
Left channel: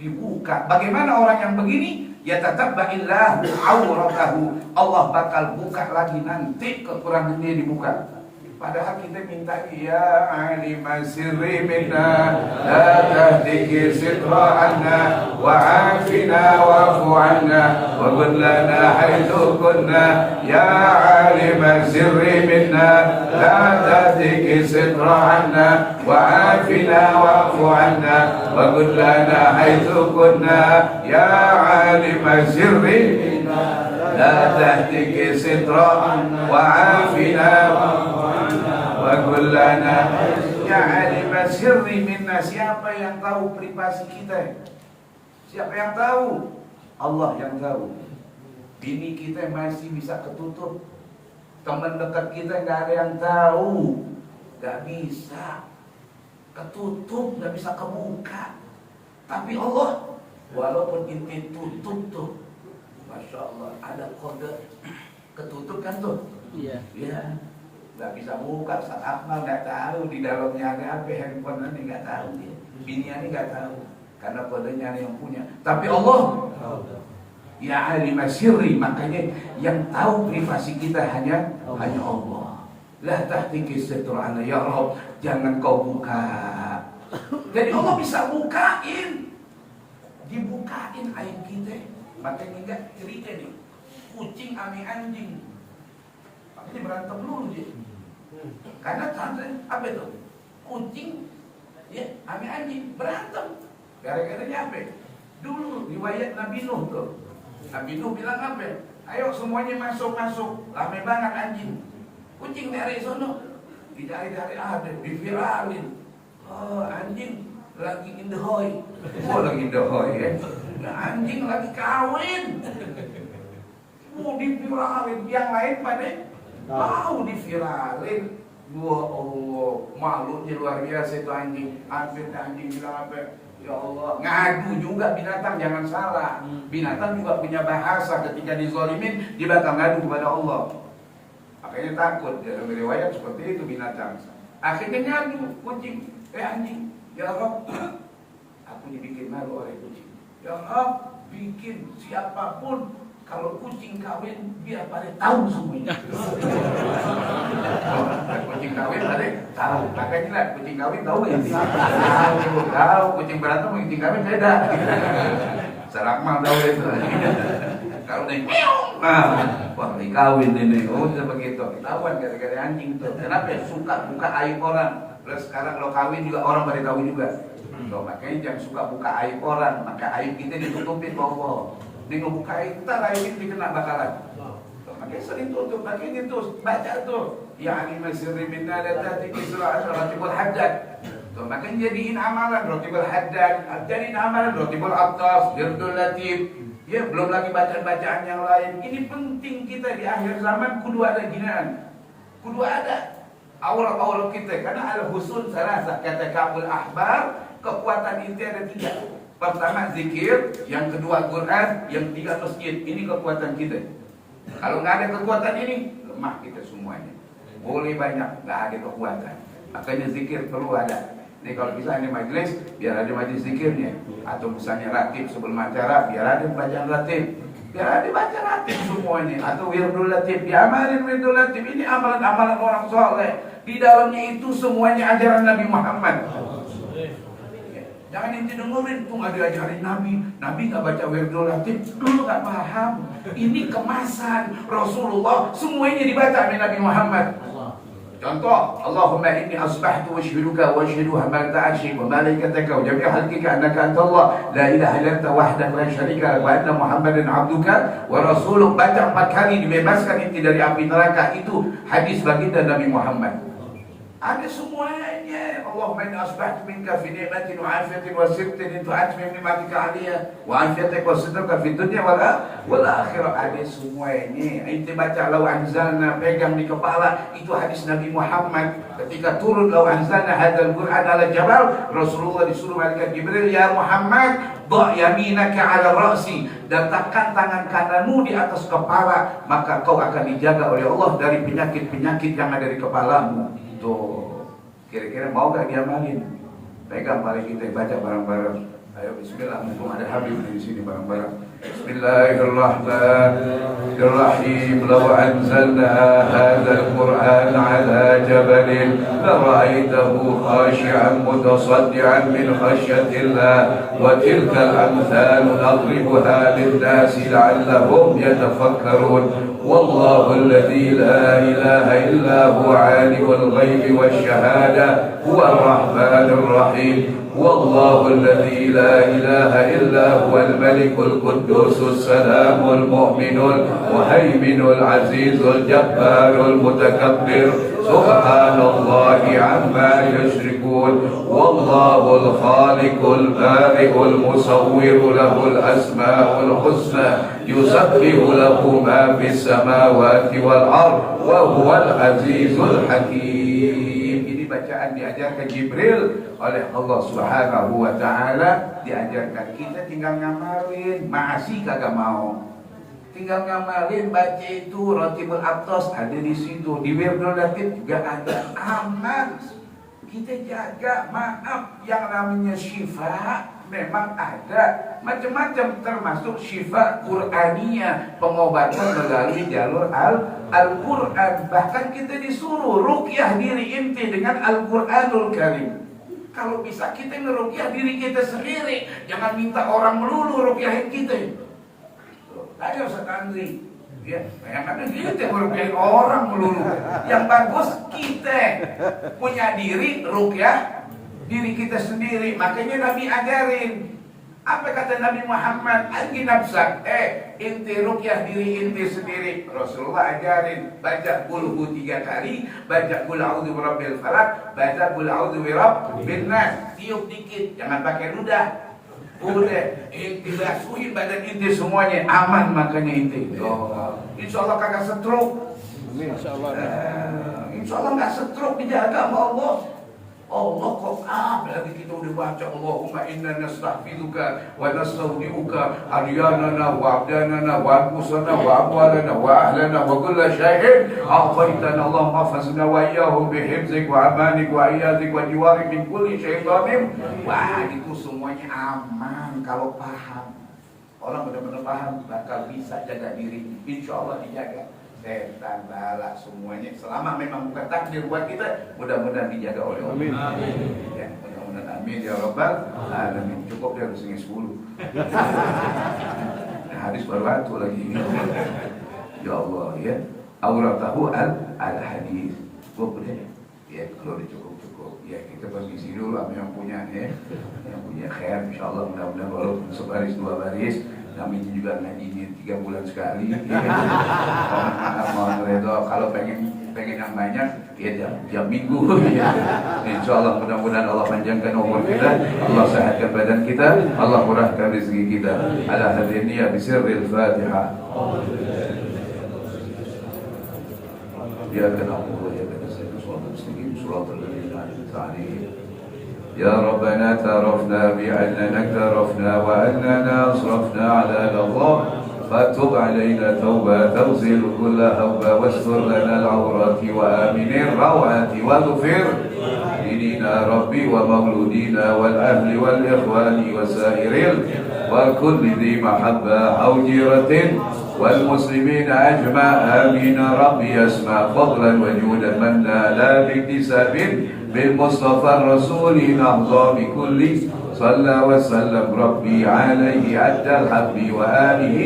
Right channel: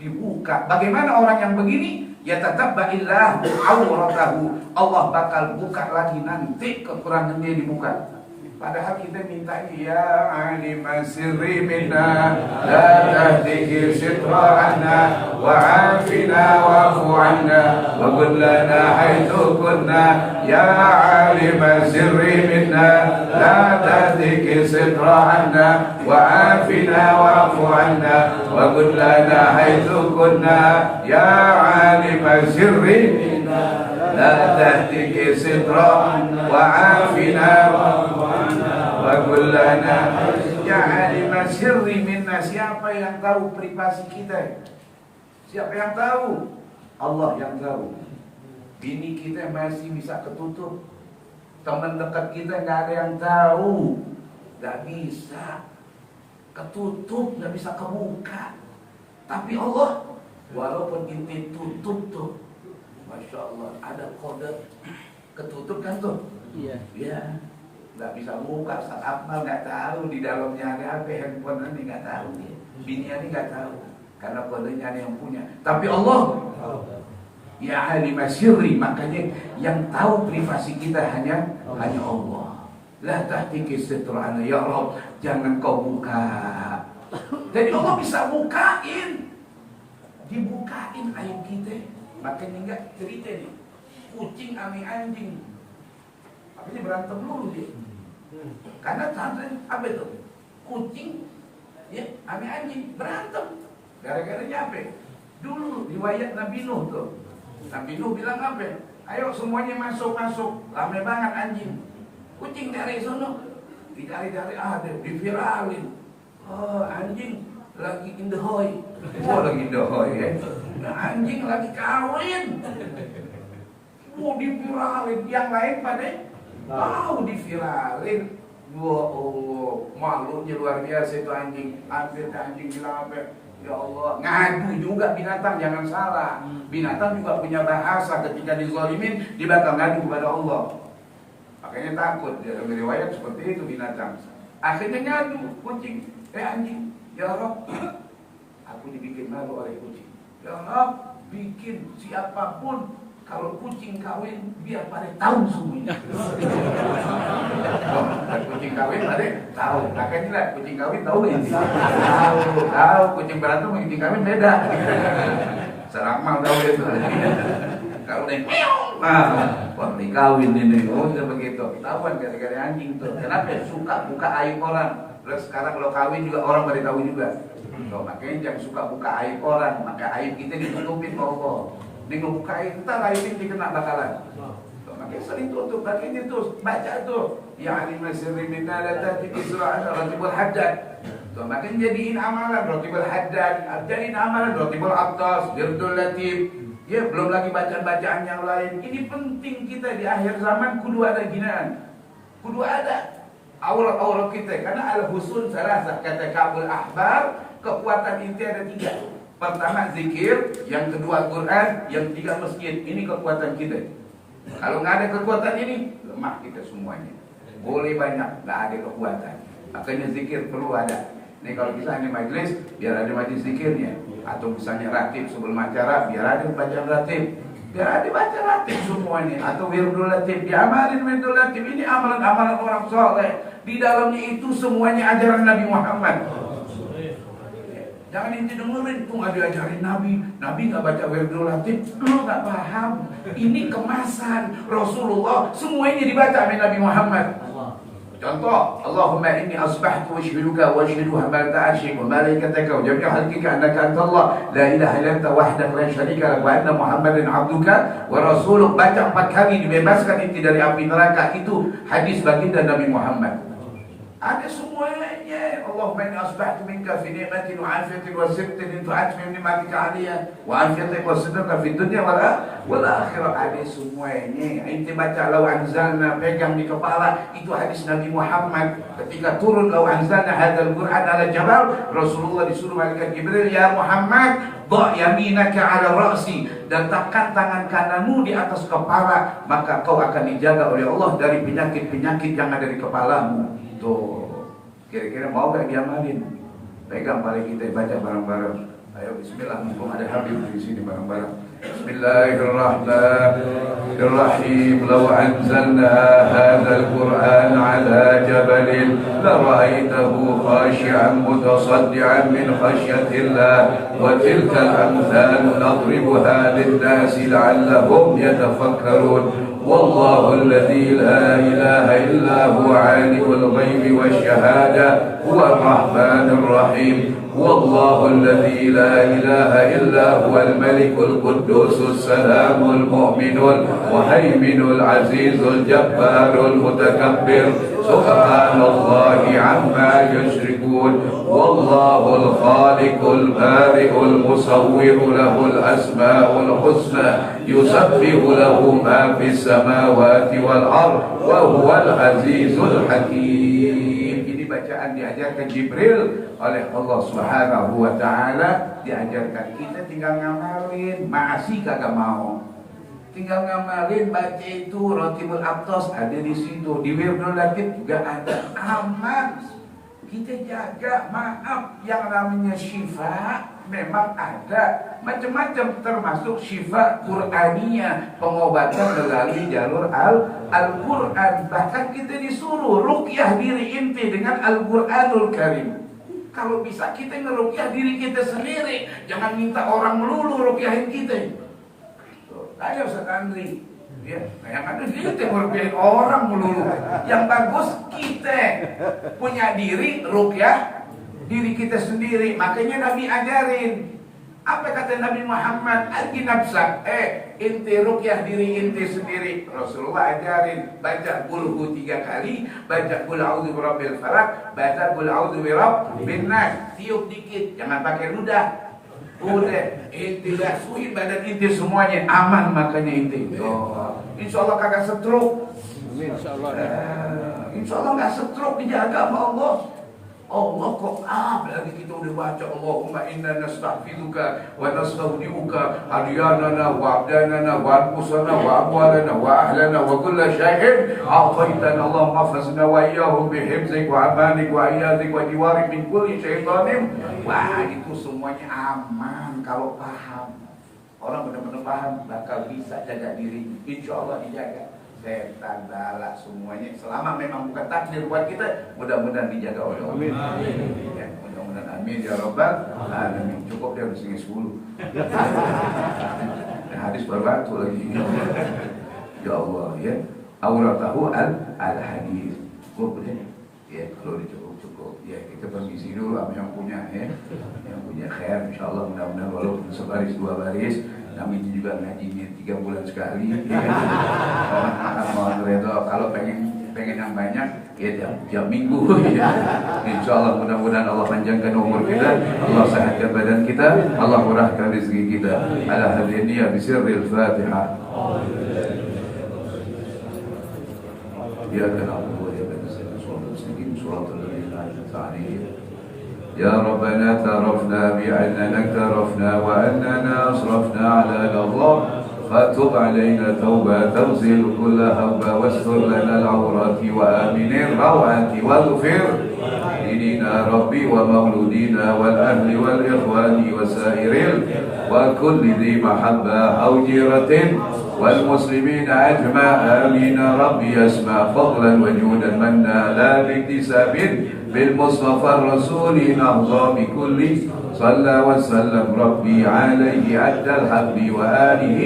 Dibuka. Bagaimana orang yang begini? Ya tatabba illah auratahu. Allah bakal buka lagi nanti kekurangannya dibuka. Padahal kita minta ya alim sirri minna la tahdihi sitra anna wa afina wa'fu anna wa qul lana haitsu kunna ya alim sirri minna la tahdihi sitra anna wa afina wa'fu anna wa qul lana haitsu kunna ya alim sirri minna la tahdihi sitra wa afina wa kullana ya alim sirri minna. Siapa yang tahu privasi kita? Siapa yang tahu? Allah yang tahu. Bini kita masih bisa ketutup. Teman dekat kita nggak ada yang tahu. Nggak bisa ketutup, nggak bisa kebuka. Tapi Allah, walaupun inti tutup tuh, Masya Allah, ada kode ketutup kan tuh? Iya. Ya. Gak bisa buka, saat Akmal gak tahu di dalamnya ada apa, handphone ini gak tahu dia, bini ini gak tahu, karena kodenya ada yang punya. Tapi Allah, ya alim sirri, makanya yang tahu privasi kita hanya Allah. La tahtiki sitrana, ya Allah, jangan kau buka. Jadi Allah bisa bukain, dibukain aib kita. Makanya enggak cerita nih, kucing ame anjing, makanya berantem dulu dia. Karena apa itu? Kucing ya, ame anjing berantem. Gara-garanya apa? Dulu riwayat Nabi Nuh tuh. Nabi Nuh bilang apa? Ayo semuanya masuk-masuk. Rame banget anjing. Kucing dari sono. Dicari-cari ada, diviralin. Oh, anjing lagi in the hoy. Oh, lagi in the hoy ya. Anjing lagi kawin. Mau diviralin, yang lain pada mau diviralin. Wah Allah, malunya luar biasa itu anjing. Hampir ke anjing bilang apa? Ya Allah, ngadu juga binatang, jangan salah. Binatang juga punya bahasa, ketika dizalimin dia bakal ngadu kepada Allah. Makanya takut, dalam riwayat seperti itu binatang. Akhirnya ngadu kucing, anjing. Ya Allah, aku dibikin malu oleh kucing. Ya Allah, bikin siapapun kalau kucing kawin biar pada tahu semuanya. Kucing kawin pada tahu. Makanya lah kucing kawin tahu ya. Tahu kucing berantem sama kucing kawin beda. Sarakmal tahu itu. Kalau dia wah ini kawin ini. Oh bisa begitu. Ketahuan gara-gara anjing tuh. Kenapa suka buka aib orang? Terus sekarang kalau kawin juga orang pada tahu juga. Makanya jangan suka buka aib orang. Maka aib kita ditutupin Allah. Dia ngebuka aib, ntar aib ini dikena bakalan. Makanya sering tutup, makanya itu baca tuh. Ya alim sirri minna la tahdihi sitra ratibul haddad. Makanya jadiin amalan ratibul haddad, jadiin amalan ratibul attas, wirdul latif. Ya belum lagi bacaan-bacaan yang lain. Ini penting kita di akhir zaman kudu ada ginaan. Kudu ada aurat-aurat kita, karena al-husun salasah, kata Ka'bul Ahbar, kekuatan inti ada 3. Pertama zikir, yang kedua Quran, yang ketiga masjid. Ini kekuatan kita. Kalau nggak ada kekuatan ini, lemah kita semuanya. Boleh banyak, nggak ada kekuatan. Makanya zikir perlu ada. Nih kalau misalnya majelis, biar ada majelis zikirnya. Atau misalnya ratib sebelum acara, biar ada bacaan ratib. Biar ada baca ratib semuanya. Atau wirdul latif, diamalin wirdul latif. Ini amalan-amalan orang soleh. Di dalamnya itu semuanya ajaran Nabi Muhammad. Jangan inti dengerin, tuh nggak diajarin Nabi nggak baca wirdul latif, lu nggak paham. Ini kemasan Rasulullah, semuanya dibaca oleh Nabi Muhammad. Contoh, Allahumma inni asbahtu ashhiduka wa ashhidu hamalata arshik wa malaikataka wa jami'a khalqika annaka anta Allah la ilaha illa anta wahdaka la syarika lak wa anna Muhammadan abduka wa rasuluh. Baca 4 kali dibebaskan inti dari api neraka. Itu hadis baginda Nabi Muhammad. Ada semuanya. Allahumma inni asbahtu minka fi ni'matin wa afiyatin wa sittin tu'atmi ni'matika 'alayya wa afiyatik wa sitrika fi dunya wal akhirah. Ada semuanya. Inti baca law anzalna, pegang di kepala. Itu hadis Nabi Muhammad. Ketika turun law anzalna hadzal Qur'an ala jabal, Rasulullah disuruh malaikat Jibril, ya Muhammad, dha' yaminaka 'ala ra'si, letakkan tangan kananmu di atas kepala, maka kau akan dijaga oleh Allah dari penyakit-penyakit yang ada di kepalamu. Tuh. Kira-kira mau gak diamalin? Pegang paling kita baca bareng-bareng. Ayo bismillah, mumpung ada Habib di sini bareng-bareng. Bismillahirrahmanirrahim. Law anzalna hadzal Qur'an 'ala jabalin la ra'aitahu khashi'an mutasaddian min khashyatillah wa tilkal amthal nadribuha lin-nasi la'allahum yatafakkarun. والله الذي لا إله إلا هو عالم الغيب والشهادة هو الرحمن الرحيم. والله الذي لا إله إلا هو الملك القدوس السلام المؤمن المهيمن العزيز الجبار المتكبر سبحان الله عما يشركون. والله الخالق البارئ المصور له الأسماء الحسنى يسبح له ما في السماوات والأرض وهو العزيز الحكيم. Ini bacaan diajarkan Jibril oleh Allah Subhanahu wa taala, diajarkan kita tinggal ngamalin, masih kagak mau. Tinggal ngamalin, baca itu Rotibul Aqtas ada di situ, di Wirdul Latif juga ada, aman. Kita jaga, maaf, yang namanya syifa memang ada macam-macam, termasuk syifa Qur'aniyah, pengobatan melalui jalur Al-Quran. Bahkan kita disuruh ruqyah diri inti dengan Al-Quranul Karim. Kalau bisa kita ngeruqyah diri kita sendiri, jangan minta orang melulu ruqyahin kita. Ayo sekandri, ya, yang ada kita ngeruqyahin orang melulu. Yang bagus kita punya diri ruqyah diri kita sendiri. Makanya Nabi ajarin. Apa kata Nabi Muhammad? Alqi nafsak. Inti ruqyah diri inti sendiri. Rasulullah ajarin. Baca qulhu 3 kali. Baca qul a'udzu birabbil falaq. Baca qul a'udzu birabbin nas. Tiup dikit. Jangan pakai ludah. Udah. Inti basuhin badan inti semuanya. Aman makanya inti. Insya Allah kagak stroke. Insya Allah. Insya Allah gak stroke, dijaga sama Allah. Allah kok berarti kita udah baca Allahumma inna nasta'fiduka wa nasta'udiuka aryanana wa abdanana wa anfusana wa amwalana wa ahlana wa kulla syai'in a'taitana Allahumma fasna wa iyyahum bihifzik wa amanik wa iyadik wa jiwarik min kulli syaitanim. Wah, itu semuanya aman kalau paham. Orang benar-benar paham bakal bisa jaga diri, insya Allah dijaga. Setan, bala, semuanya selama memang bukan takdir buat kita, mudah-mudahan dijaga oleh Allah. Amin. Ya, mudah-mudahan amin ya rabbal alamin. Cukup dia sini 10. Hadis berbatu lagi. Ya Allah ya. Auratahu al-hadis. Cukup ya, kalau cukup. Ya, kita permisi dulu apa yang punya ya. Yang punya khair insyaallah, mudah-mudahan walaupun sebaris 2 baris. Kami juga ngaji 3 bulan sekali. Mohon redha, kalau pengen yang banyak ya tiap minggu. Insya Allah mudah-mudahan Allah panjangkan umur kita, Allah sehatkan badan kita, Allah murahkan rezeki kita. Ala hadhihi bisirril Fatihah. Ya na'budu wa iyyaka nasta'in. Shiratal ladzina an'amta 'alaihim. يا ربنا اعترفنا بأننا اكترفنا وأننا أسرفنا على الله فتب علينا توبة تغسل كل هب واستر لنا العورات وآمن الروعات واغفر لنا ربي ومولودينا والأهل والإخوان وسائر وكل ذي محبة أو جيرة والمسلمين أجمع آمين ربي يسمع فضلا وجودا منا لا باكتساب بالمصطفى الرسول نرضى بكل صلى وسلم ربي عليه عد الحب وآله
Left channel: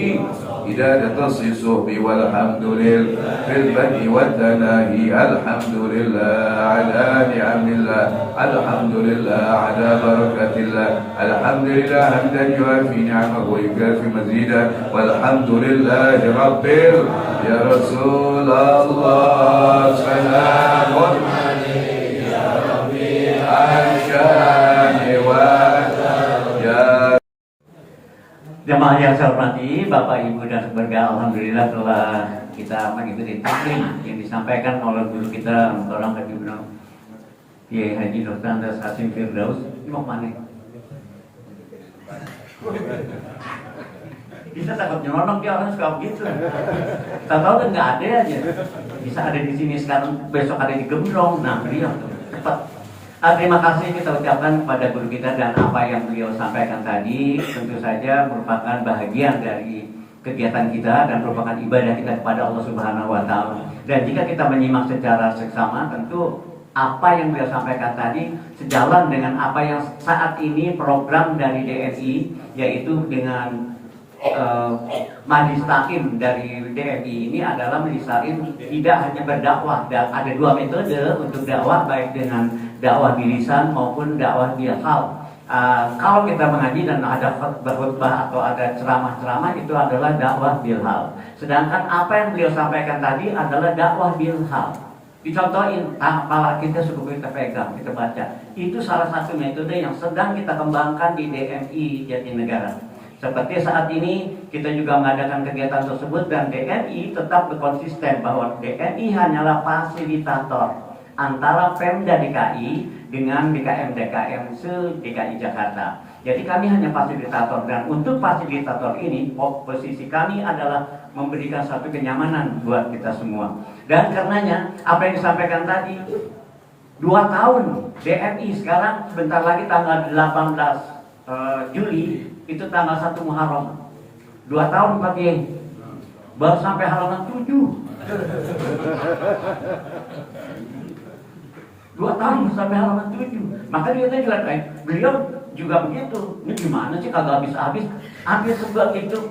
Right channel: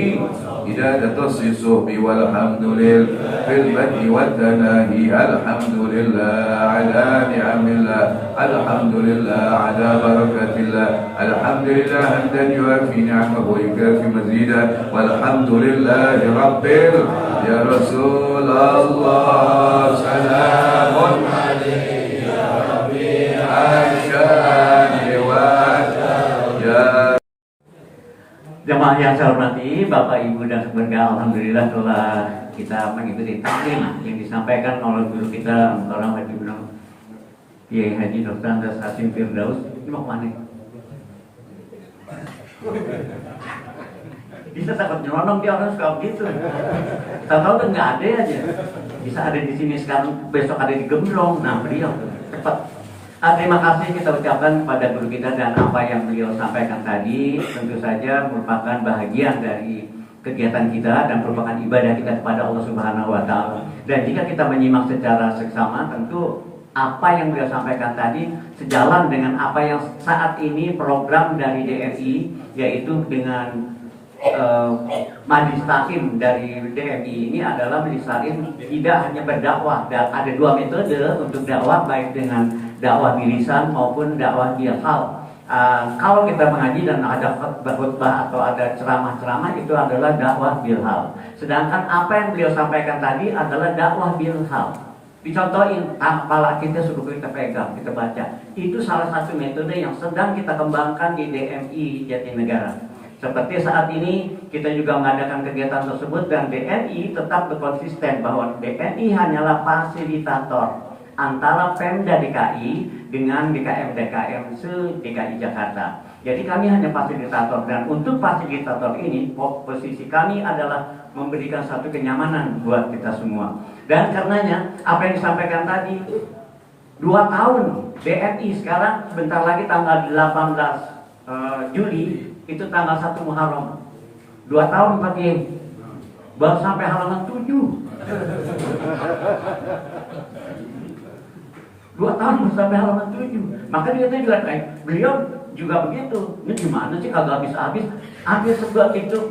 إدادة الصحب والحمد لله في البدء والتناهي الحمد لله على نعم الله الحمد لله على بركة الله الحمد لله حمدا يوافي نعمه ويكافي مزيدا والحمد لله رب يا رسول الله سلام عليك يا ربي عشان ويا Jamaah yang saya hormati, Bapak Ibu dan sekeluarga, alhamdulillah telah kita mengikuti taklim yang disampaikan oleh guru kita orang Haji Benar Kiai Haji Dr. Andes Hasim Firdaus. Ini mau kemana? Bisa takut nyelonong, dia orang suka begitu. Tahu kan nggak ada aja. Bisa ada di sini sekarang, besok ada di Gembrong. Nah beliau cepat. Terima kasih kita ucapkan kepada guru kita dan apa yang beliau sampaikan tadi tentu saja merupakan bahagian dari kegiatan kita dan merupakan ibadah kita kepada Allah Subhanahu wa Ta'ala. Dan jika kita menyimak secara seksama, tentu apa yang beliau sampaikan tadi sejalan dengan apa yang saat ini program dari DMI, yaitu dengan Majlis Taklim dari DMI ini adalah Majlis Taklim tidak hanya berdakwah, dan ada dua metode untuk dakwah, baik dengan dakwah bilisan maupun dakwah bilhal. Kalau kita mengaji dan ada khutbah atau ada ceramah-ceramah, itu adalah dakwah bilhal. Sedangkan apa yang beliau sampaikan tadi adalah dakwah bilhal. Dicontohin, kepala kita sudah kita pegang, kita baca. Itu salah satu metode yang sedang kita kembangkan di DMI Jatinegara. Seperti saat ini kita juga mengadakan kegiatan tersebut dan DNI tetap konsisten bahwa DNI hanyalah fasilitator antara Pemda DKI dengan DKM se-DKI Jakarta. Jadi kami hanya fasilitator, dan untuk fasilitator ini posisi kami adalah memberikan satu kenyamanan buat kita semua. Dan karenanya apa yang disampaikan tadi 2 tahun DNI sekarang sebentar lagi tanggal 18 Juli itu tanggal 1 Muharram. 2 tahun Pak Kiai. Baru sampai halaman 7. 2 tahun sampai halaman 7. Maka dia juga beliau juga begitu. Ini gimana sih kagak habis-habis? Hampir sebuah itu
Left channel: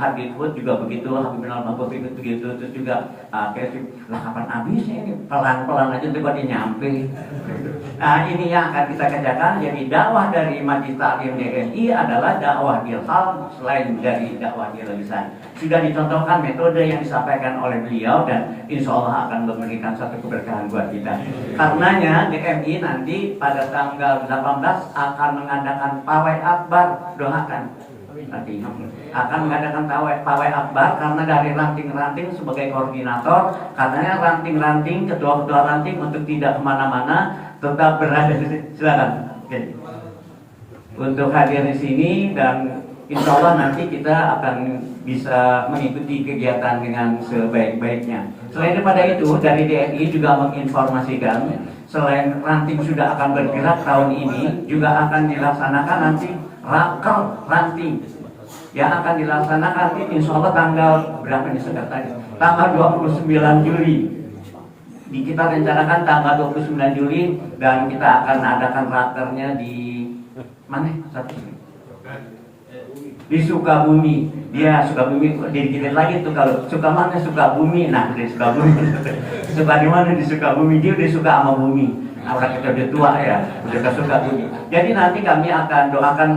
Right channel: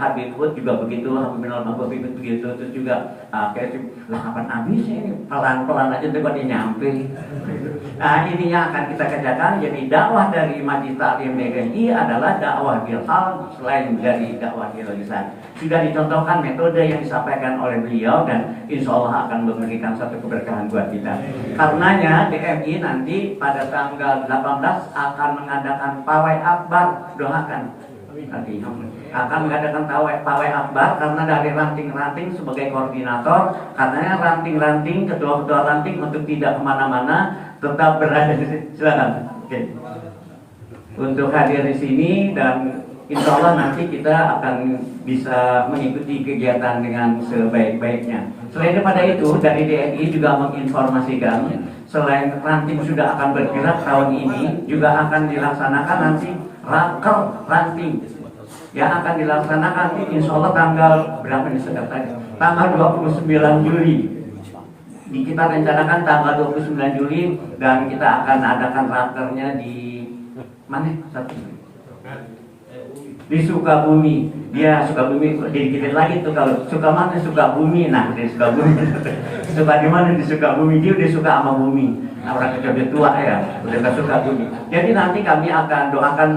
Habib Hud juga begitu, Habib Minal Maghrib itu begitu, terus juga kayak lah kapan habisnya ini? Pelan-pelan aja coba dia nyampe. Nah ini yang akan kita kerjakan. Jadi dakwah dari Majlis Taklim DNI adalah dakwah bilhal selain dari dakwah bilisan. Sudah dicontohkan metode yang disampaikan oleh beliau dan insya Allah akan memberikan satu keberkahan buat kita. Karenanya DMI nanti pada tanggal 18 akan mengadakan pawai akbar, doakan. Nanti akan mengadakan pawai akbar karena dari ranting-ranting sebagai koordinator, karena ranting-ranting, ketua-ketua ranting untuk tidak kemana-mana tetap berada di sini. Silakan. Oke. Untuk hadir di sini dan insya Allah nanti kita akan bisa mengikuti kegiatan dengan sebaik-baiknya. Selain daripada itu, dari DNI juga menginformasikan selain ranting sudah akan bergerak tahun ini, juga akan dilaksanakan nanti raker ranting yang akan dilaksanakan insya Allah tanggal berapa nih sudah tadi? Tanggal 29 Juli. Kita rencanakan tanggal 29 Juli dan kita akan adakan rakernya di mana? Di Sukabumi. Dia Sukabumi dikit lagi tuh, kalau suka mana Sukabumi. Nah di Sukabumi suka di mana di Sukabumi, dia udah suka sama bumi. Orang kita udah tua ya, udah suka bumi. Jadi nanti kami akan doakan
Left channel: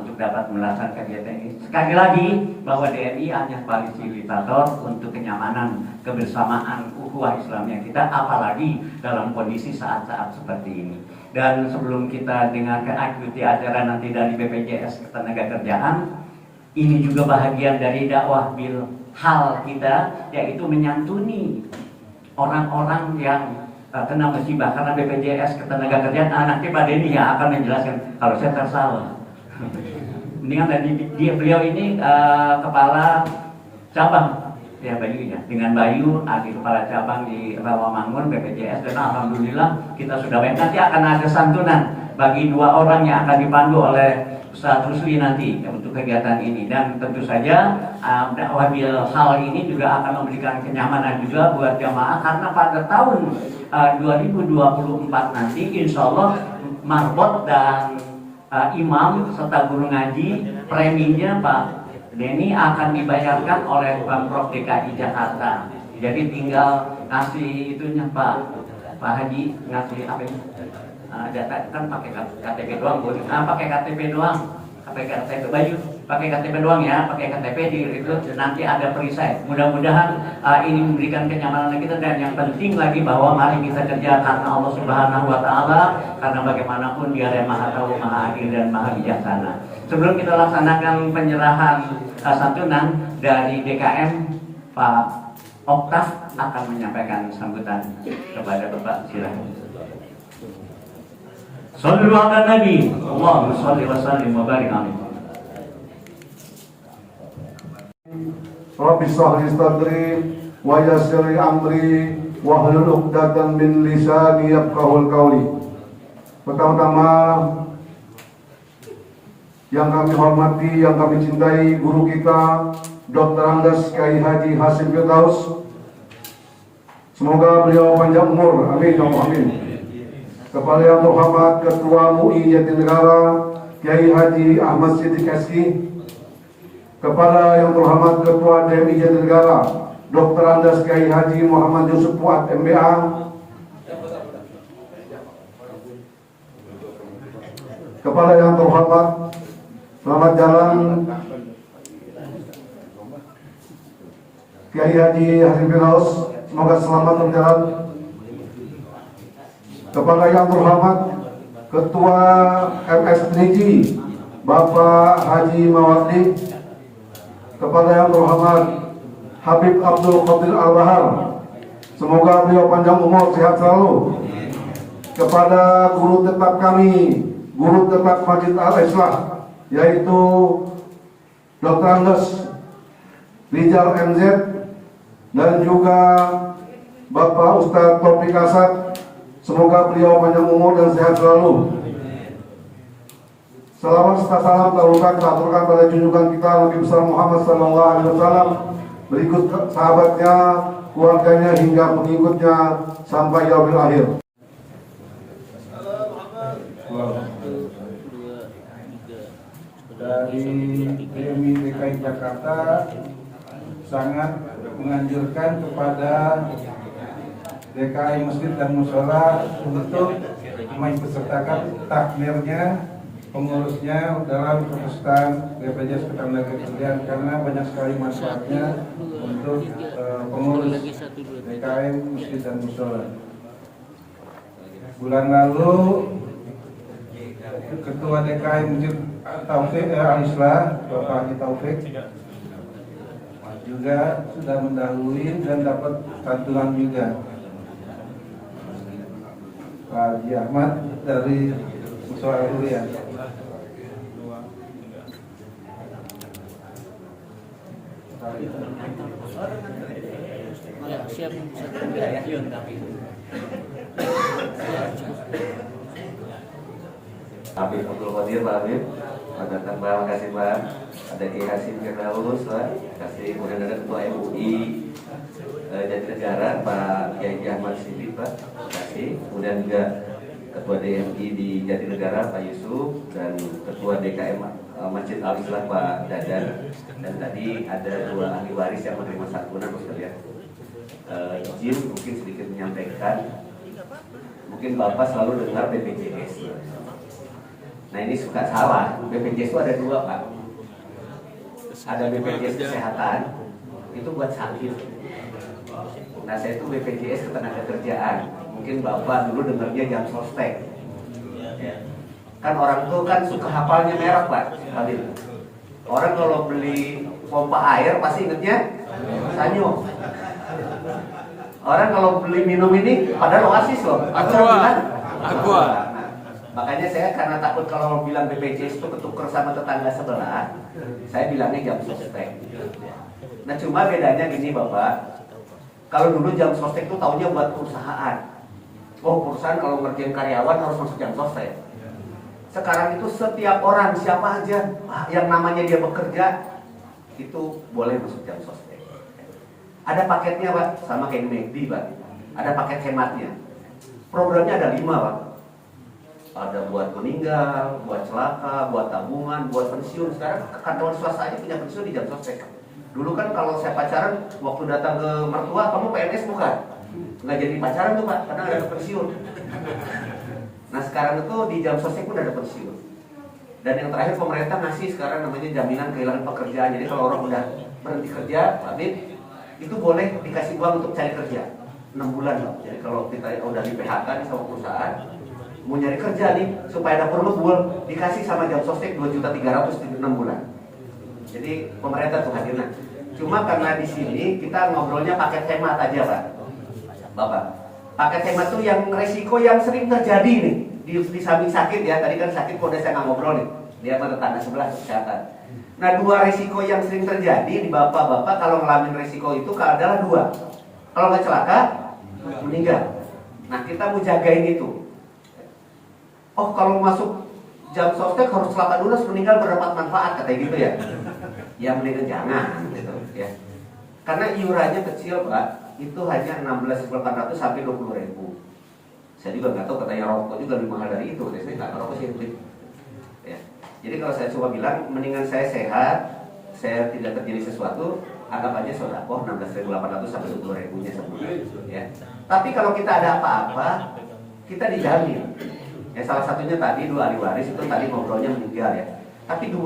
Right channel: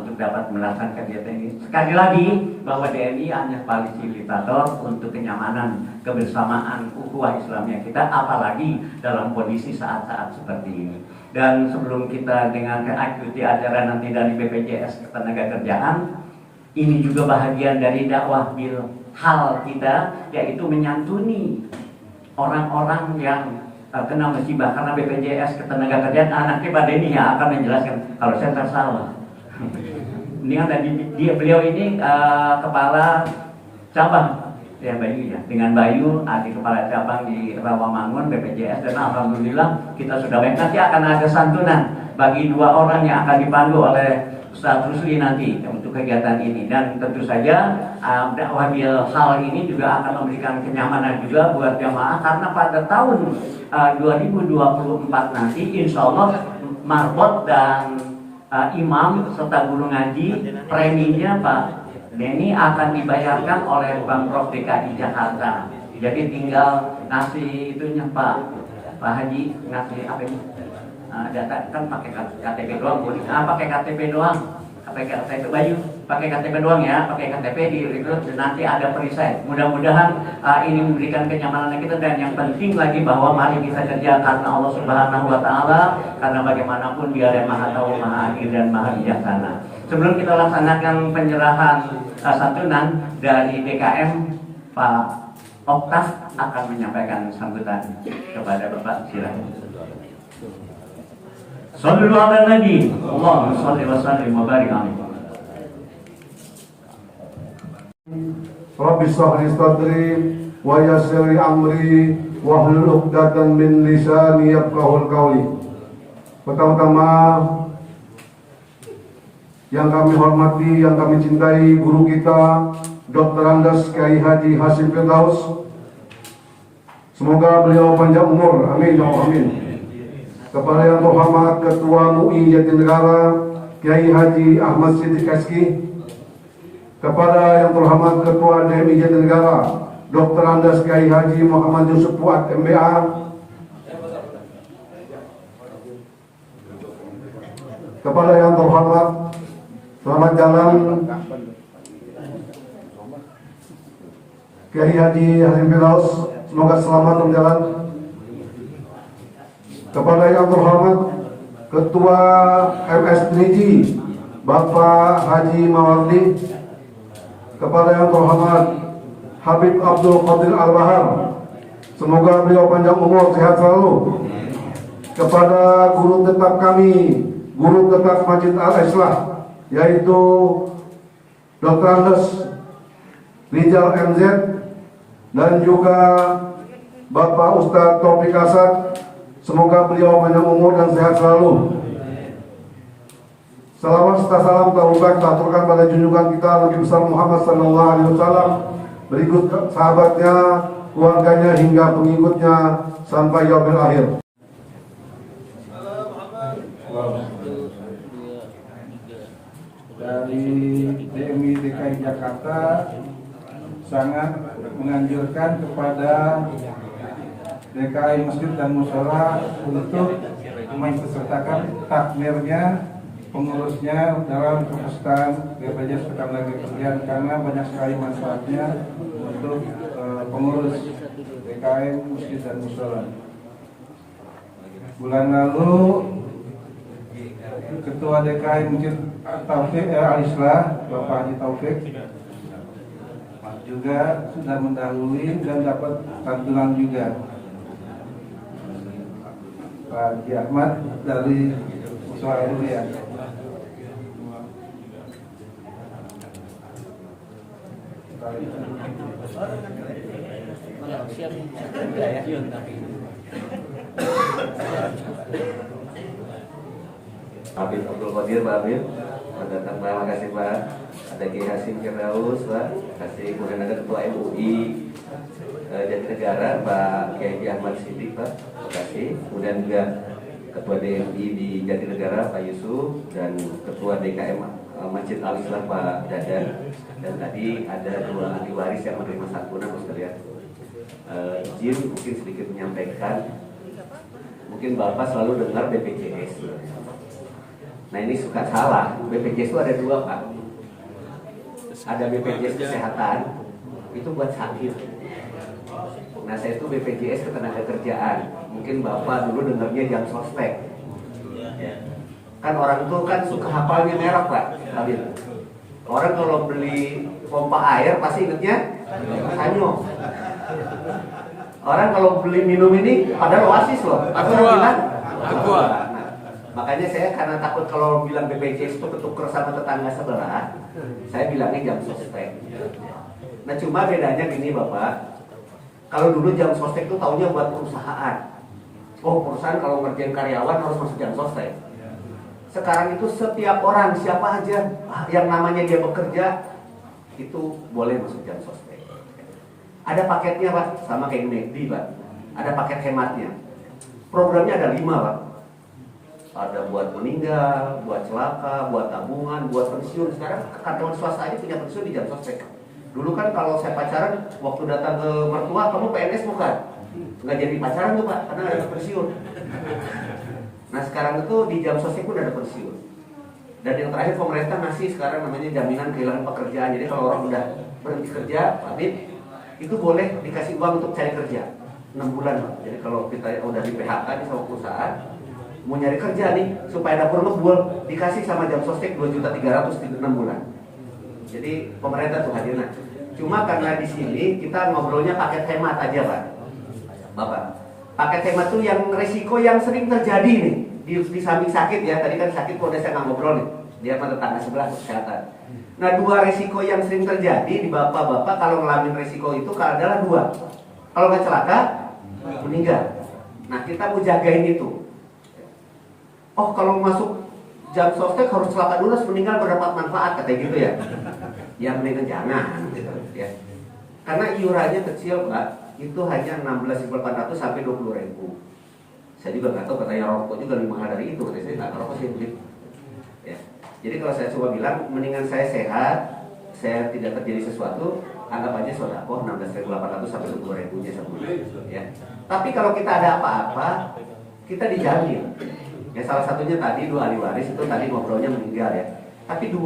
untuk dapat melaksanakan kegiatan ini. Sekali lagi bahwa DNI hanya fasilitator untuk kenyamanan kebersamaan ukhuwah Islamiyah kita, apalagi dalam kondisi saat-saat seperti ini. Dan sebelum kita dengarkan ikuti acara nanti dari BPJS Ketenagakerjaan, ini juga bahagian dari dakwah bilhal kita, yaitu menyantuni orang-orang yang kena musibah karena BPJS Ketenagakerjaan. Nanti Pak Denny ya akan menjelaskan kalau saya tersalah. Ini kan beliau ini kepala cabang ya Bayu ya, dengan Bayu di kepala cabang di Rawamangun BPJS, dan alhamdulillah kita sudah baik. Nanti akan ada santunan bagi 2 orang yang akan dipandu oleh Ustaz Rusli nanti untuk kegiatan ini, dan tentu saja dakwah bilhal ini juga akan memberikan kenyamanan juga buat jamaah karena pada tahun 2024 nanti insya Allah marbot dan imam serta guru ngaji preminya Pak ini akan dibayarkan oleh Pemprov DKI Jakarta. Jadi tinggal ngasih itunya Pak Haji, ngasih apa ini? Data kan pakai KTP doang, pakai KTP doang, pakai KTP baju, pakai KTP doang ya, pakai KTP di itu nanti ada perisai. Mudah-mudahan ini memberikan kenyamanan kita, dan yang penting lagi bahwa mari kita kerja karena Allah Subhanahu Wa Taala, karena bagaimanapun Dia yang Maha Tahu, Maha Adil dan Maha Bijaksana. Sebelum kita laksanakan penyerahan santunan dari DKM, Pak Oktas akan menyampaikan sambutan kepada Bapak. Silakan. Sallu ala Nabi, Allahumma shalli wa sallim wa barik alaihi. Rabbi shrah li sadri wa yassir li amri wahlul 'uqdatam min lisani yafqahul qawli. Pertama-tama yang kami hormati, yang kami cintai guru kita Dr. Andes Kiai Haji Hasyim Firdaus. Semoga beliau panjang umur, amin ya Allah, amin. Kepada yang terhormat Ketua MUI Jatinegara Kiai Haji Ahmad Siddiq Eski, kepada yang terhormat Ketua DMI Jatinegara Dr. Andes Kiai Haji Muhammad Yusuf Fuad MBA, kepada yang terhormat selamat jalan Kiai Haji Hasyim Firdaus, semoga selamat berjalan. Kepada yang terhormat Ketua MSNIJ Bapak Haji Mawardi, kepada yang terhormat Habib Abdul Qadir Al-Bahar, semoga beliau panjang umur, sehat selalu. Kepada guru tetap kami, guru tetap Masjid Al-Islah, yaitu Dr. Andes Rizal MZ, dan juga Bapak Ustadz Taufik Asad, semoga beliau panjang umur dan sehat selalu. Salawat serta salam kita aturkan pada junjungan kita Nabi besar Muhammad SAW, berikut sahabatnya, keluarganya hingga pengikutnya sampai yaumil akhir. Dari DMI DKI Jakarta sangat menganjurkan kepada DKI Masjid dan Mushola untuk mengikutsertakan takmirnya, pengurusnya dalam perpustakaan BPJS Ketenagakerjaan, karena banyak sekali manfaatnya untuk pengurus DKI Masjid dan Mushola. Bulan lalu Ketua DKI Masjid Taufik Al-Islah, Bapak Haji Taufik, juga sudah mendahului dan dapat santunan juga. Pak Haji Ahmad dari Mushola Huria. Habib Abdul Qadir, Pak Habib, datang, terima kasih Pak. Ada Kiai Hasyim Firdaus, Pak, terima kasih. Kemudian ada Ketua MUI Jatinegara, Pak Kiai Ahmad Siddiq, Pak, terima kasih. Kemudian juga Ketua DMI di Jatinegara, Pak Yusuf, dan Ketua DKM Masjid Al-Islah, Pak Dadan. Dan tadi ada dua ahli waris yang menerima santunan, Pak sekalian. Izin mungkin sedikit menyampaikan, mungkin Bapak selalu dengar BPJS. Nah ini suka salah, BPJS itu ada dua Pak. Ada BPJS Kesehatan, itu buat sakit. Nah saya itu BPJS Ketenagakerjaan. Mungkin Bapak dulu dengarnya jam sospek ya. Kan orang tuh kan suka hafalnya merek Pak Habib. Orang kalau beli pompa air pasti ingetnya Sanyo. Orang kalau beli minum ini padahal Oasis loh, atau bilang Aqua. Makanya saya karena takut kalau bilang BPJS itu ketuker sama tetangga sebelah, saya bilangnya jam sospek. Nah cuma bedanya gini Bapak, kalau dulu jam sospek itu taunya buat perusahaan. Oh perusahaan kalau ngerjain karyawan harus masuk jam sospek. Sekarang itu setiap orang, siapa aja yang namanya dia bekerja, itu boleh masuk jam sospek. Ada paketnya Pak, sama kayak McD Pak. Ada paket hematnya. Programnya ada 5 Pak. ada buat meninggal, buat celaka, buat tabungan, buat pensiun. Sekarang karyawan swasta aja punya pensiun di jam sostek. Dulu kan kalau saya pacaran, waktu datang ke mertua, kamu PNS bukan? Nggak jadi pacaran tuh Pak, karena ada pensiun. Nah sekarang itu di jam sostek pun ada pensiun. Dan yang terakhir pemerintah ngasih sekarang namanya jaminan kehilangan pekerjaan. Jadi kalau orang udah berhenti kerja, Pak Bib, itu boleh dikasih uang untuk cari kerja 6 bulan Pak. Jadi kalau kita udah di PHK di sama perusahaan, mau nyari kerja nih supaya dapur ngebul, dikasih sama jam sostek 2.300.000 di 6 bulan. Jadi pemerintah tuh hadirnya. Cuma karena di sini kita ngobrolnya pakai hemat aja Pak. Bapak, pakai hemat tuh yang resiko yang sering terjadi nih di samping sakit ya. Tadi kan sakit kalau saya nggak ngobrol nih. Dia sama tetangga sebelah kesehatan. Nah 2 resiko yang sering terjadi di bapak-bapak kalau ngalamin resiko itu adalah 2. Kalau nggak celaka, meninggal. Nah kita mau jagain itu. Oh kalau masuk jam sostek harus celaka dulu, harus meninggal berdapat manfaat katanya gitu ya. Ya mendingan jangan gitu ya. Karena iurannya kecil Pak, itu hanya 16.800 sampai 20.000. Saya juga nggak tahu, katanya rokok juga lebih mahal dari itu. Saya nggak rokok sih ya. Jadi kalau saya coba bilang, mendingan saya sehat, saya tidak terjadi sesuatu, anggap aja sedekah 16.800 sampai 20.000-nya sebulan ya. Tapi kalau kita ada apa-apa, kita dijamin. Ya salah satunya tadi 2 ahli waris itu tadi ngobrolnya meninggal ya. Tapi 2.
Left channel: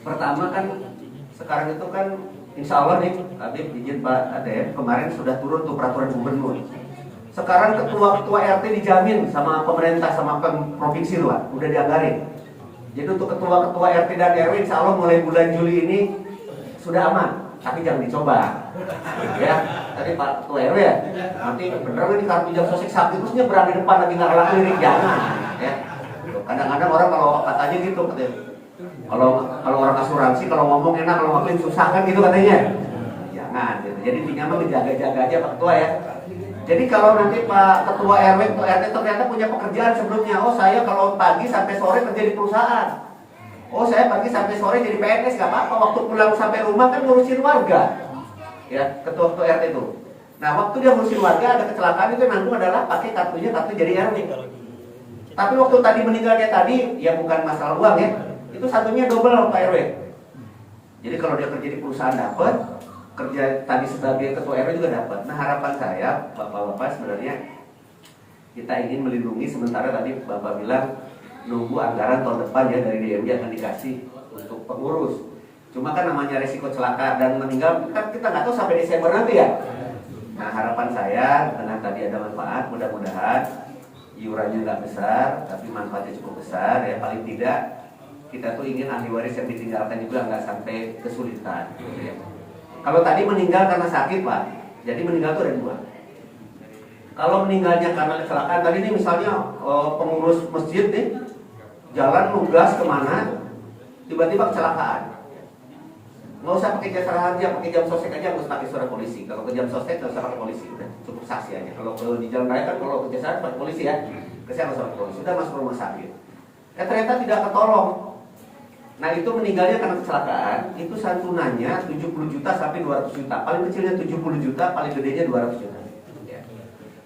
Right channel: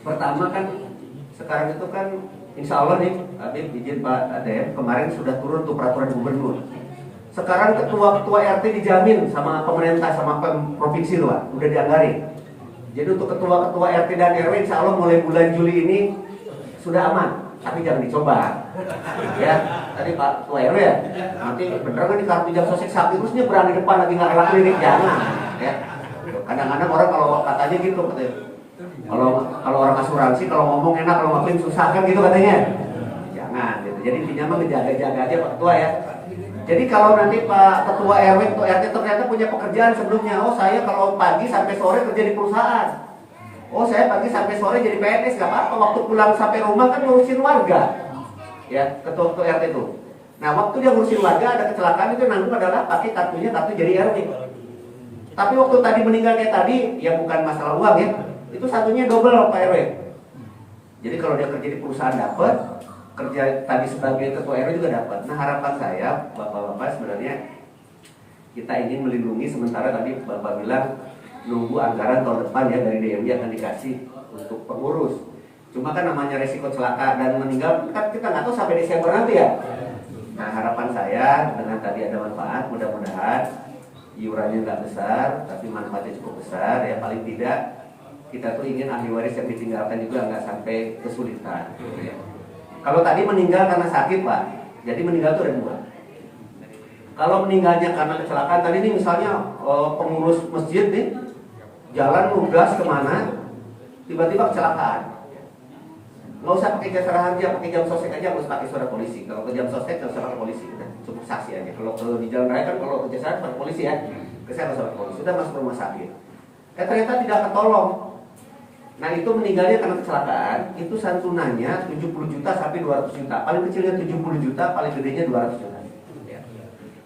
Pertama kan sekarang itu kan insya Allah nih, Habib izin Pak Adem, kemarin sudah turun tuh peraturan gubernur. Sekarang ketua-ketua RT dijamin sama pemerintah sama provinsi tuh Pak, udah dianggarin. Jadi untuk ketua-ketua RT dan RW insya Allah mulai bulan Juli ini sudah aman. Tapi jangan dicoba. Ya, tadi Pak Ketua RW ya, nanti beneran nih kartu jam sostek sakit terusnya berani depan lagi nggak kelar klinik, jangan. Ya, kadang-kadang orang kalau katanya gitu, katanya, kalau orang asuransi kalau ngomong enak, kalau ngapain susah kan gitu katanya. Jangan. Gitu. Jadi intinya mah ngejaga-jaga aja Pak Ketua ya. Jadi kalau nanti Pak Ketua RW, Ketua RT ternyata punya pekerjaan sebelumnya, oh saya kalau pagi sampai sore kerja di perusahaan. Oh saya pagi sampai sore jadi PNS, gak apa-apa. Waktu pulang sampai rumah kan ngurusin warga. Ya, ketua-ketua RT itu. Nah waktu dia ngurusin warga ada kecelakaan itu nanggung adalah pakai kartu jadi RW. Tapi waktu tadi meninggalnya tadi, ya bukan masalah uang ya. Itu satunya double Pak RW. Jadi kalau dia kerja di perusahaan dapat, kerja tadi sebagai ketua RW juga dapat. Nah harapan saya, Bapak-bapak sebenarnya kita ingin melindungi sementara tadi Bapak bilang nunggu anggaran tahun depan ya dari DMD akan dikasih untuk pengurus. Cuma kan namanya resiko celaka dan meninggal kan kita nggak tahu sampai Desember nanti ya. Nah harapan saya dengan tadi ada manfaat, mudah-mudahan iurannya nggak besar tapi manfaatnya cukup besar ya. Paling tidak kita tuh ingin ahli waris yang ditinggalkan juga nggak sampai kesulitan. Ya. Kalau tadi meninggal karena sakit Pak, jadi meninggal itu ada 2. Kalau meninggalnya karena kecelakaan tadi ini misalnya pengurus masjid nih jalan nugas kemana, tiba-tiba kecelakaan. Nggak usah pakai jasa harja, pakai jam sostek aja, nggak usah pakai surat polisi. Kalau ke jam sostek nggak usah pakai polisi, udah cukup saksi aja. Kalau di jalan raya kan kalau ke jasa pakai polisi ya, saya nggak usah pakai polisi, sudah masuk rumah sakit. Ternyata tidak ketolong. Nah itu meninggalnya karena kecelakaan, itu santunannya 70 juta sampai 200 juta. Paling kecilnya 70 juta, paling gedenya 200 juta. Ya.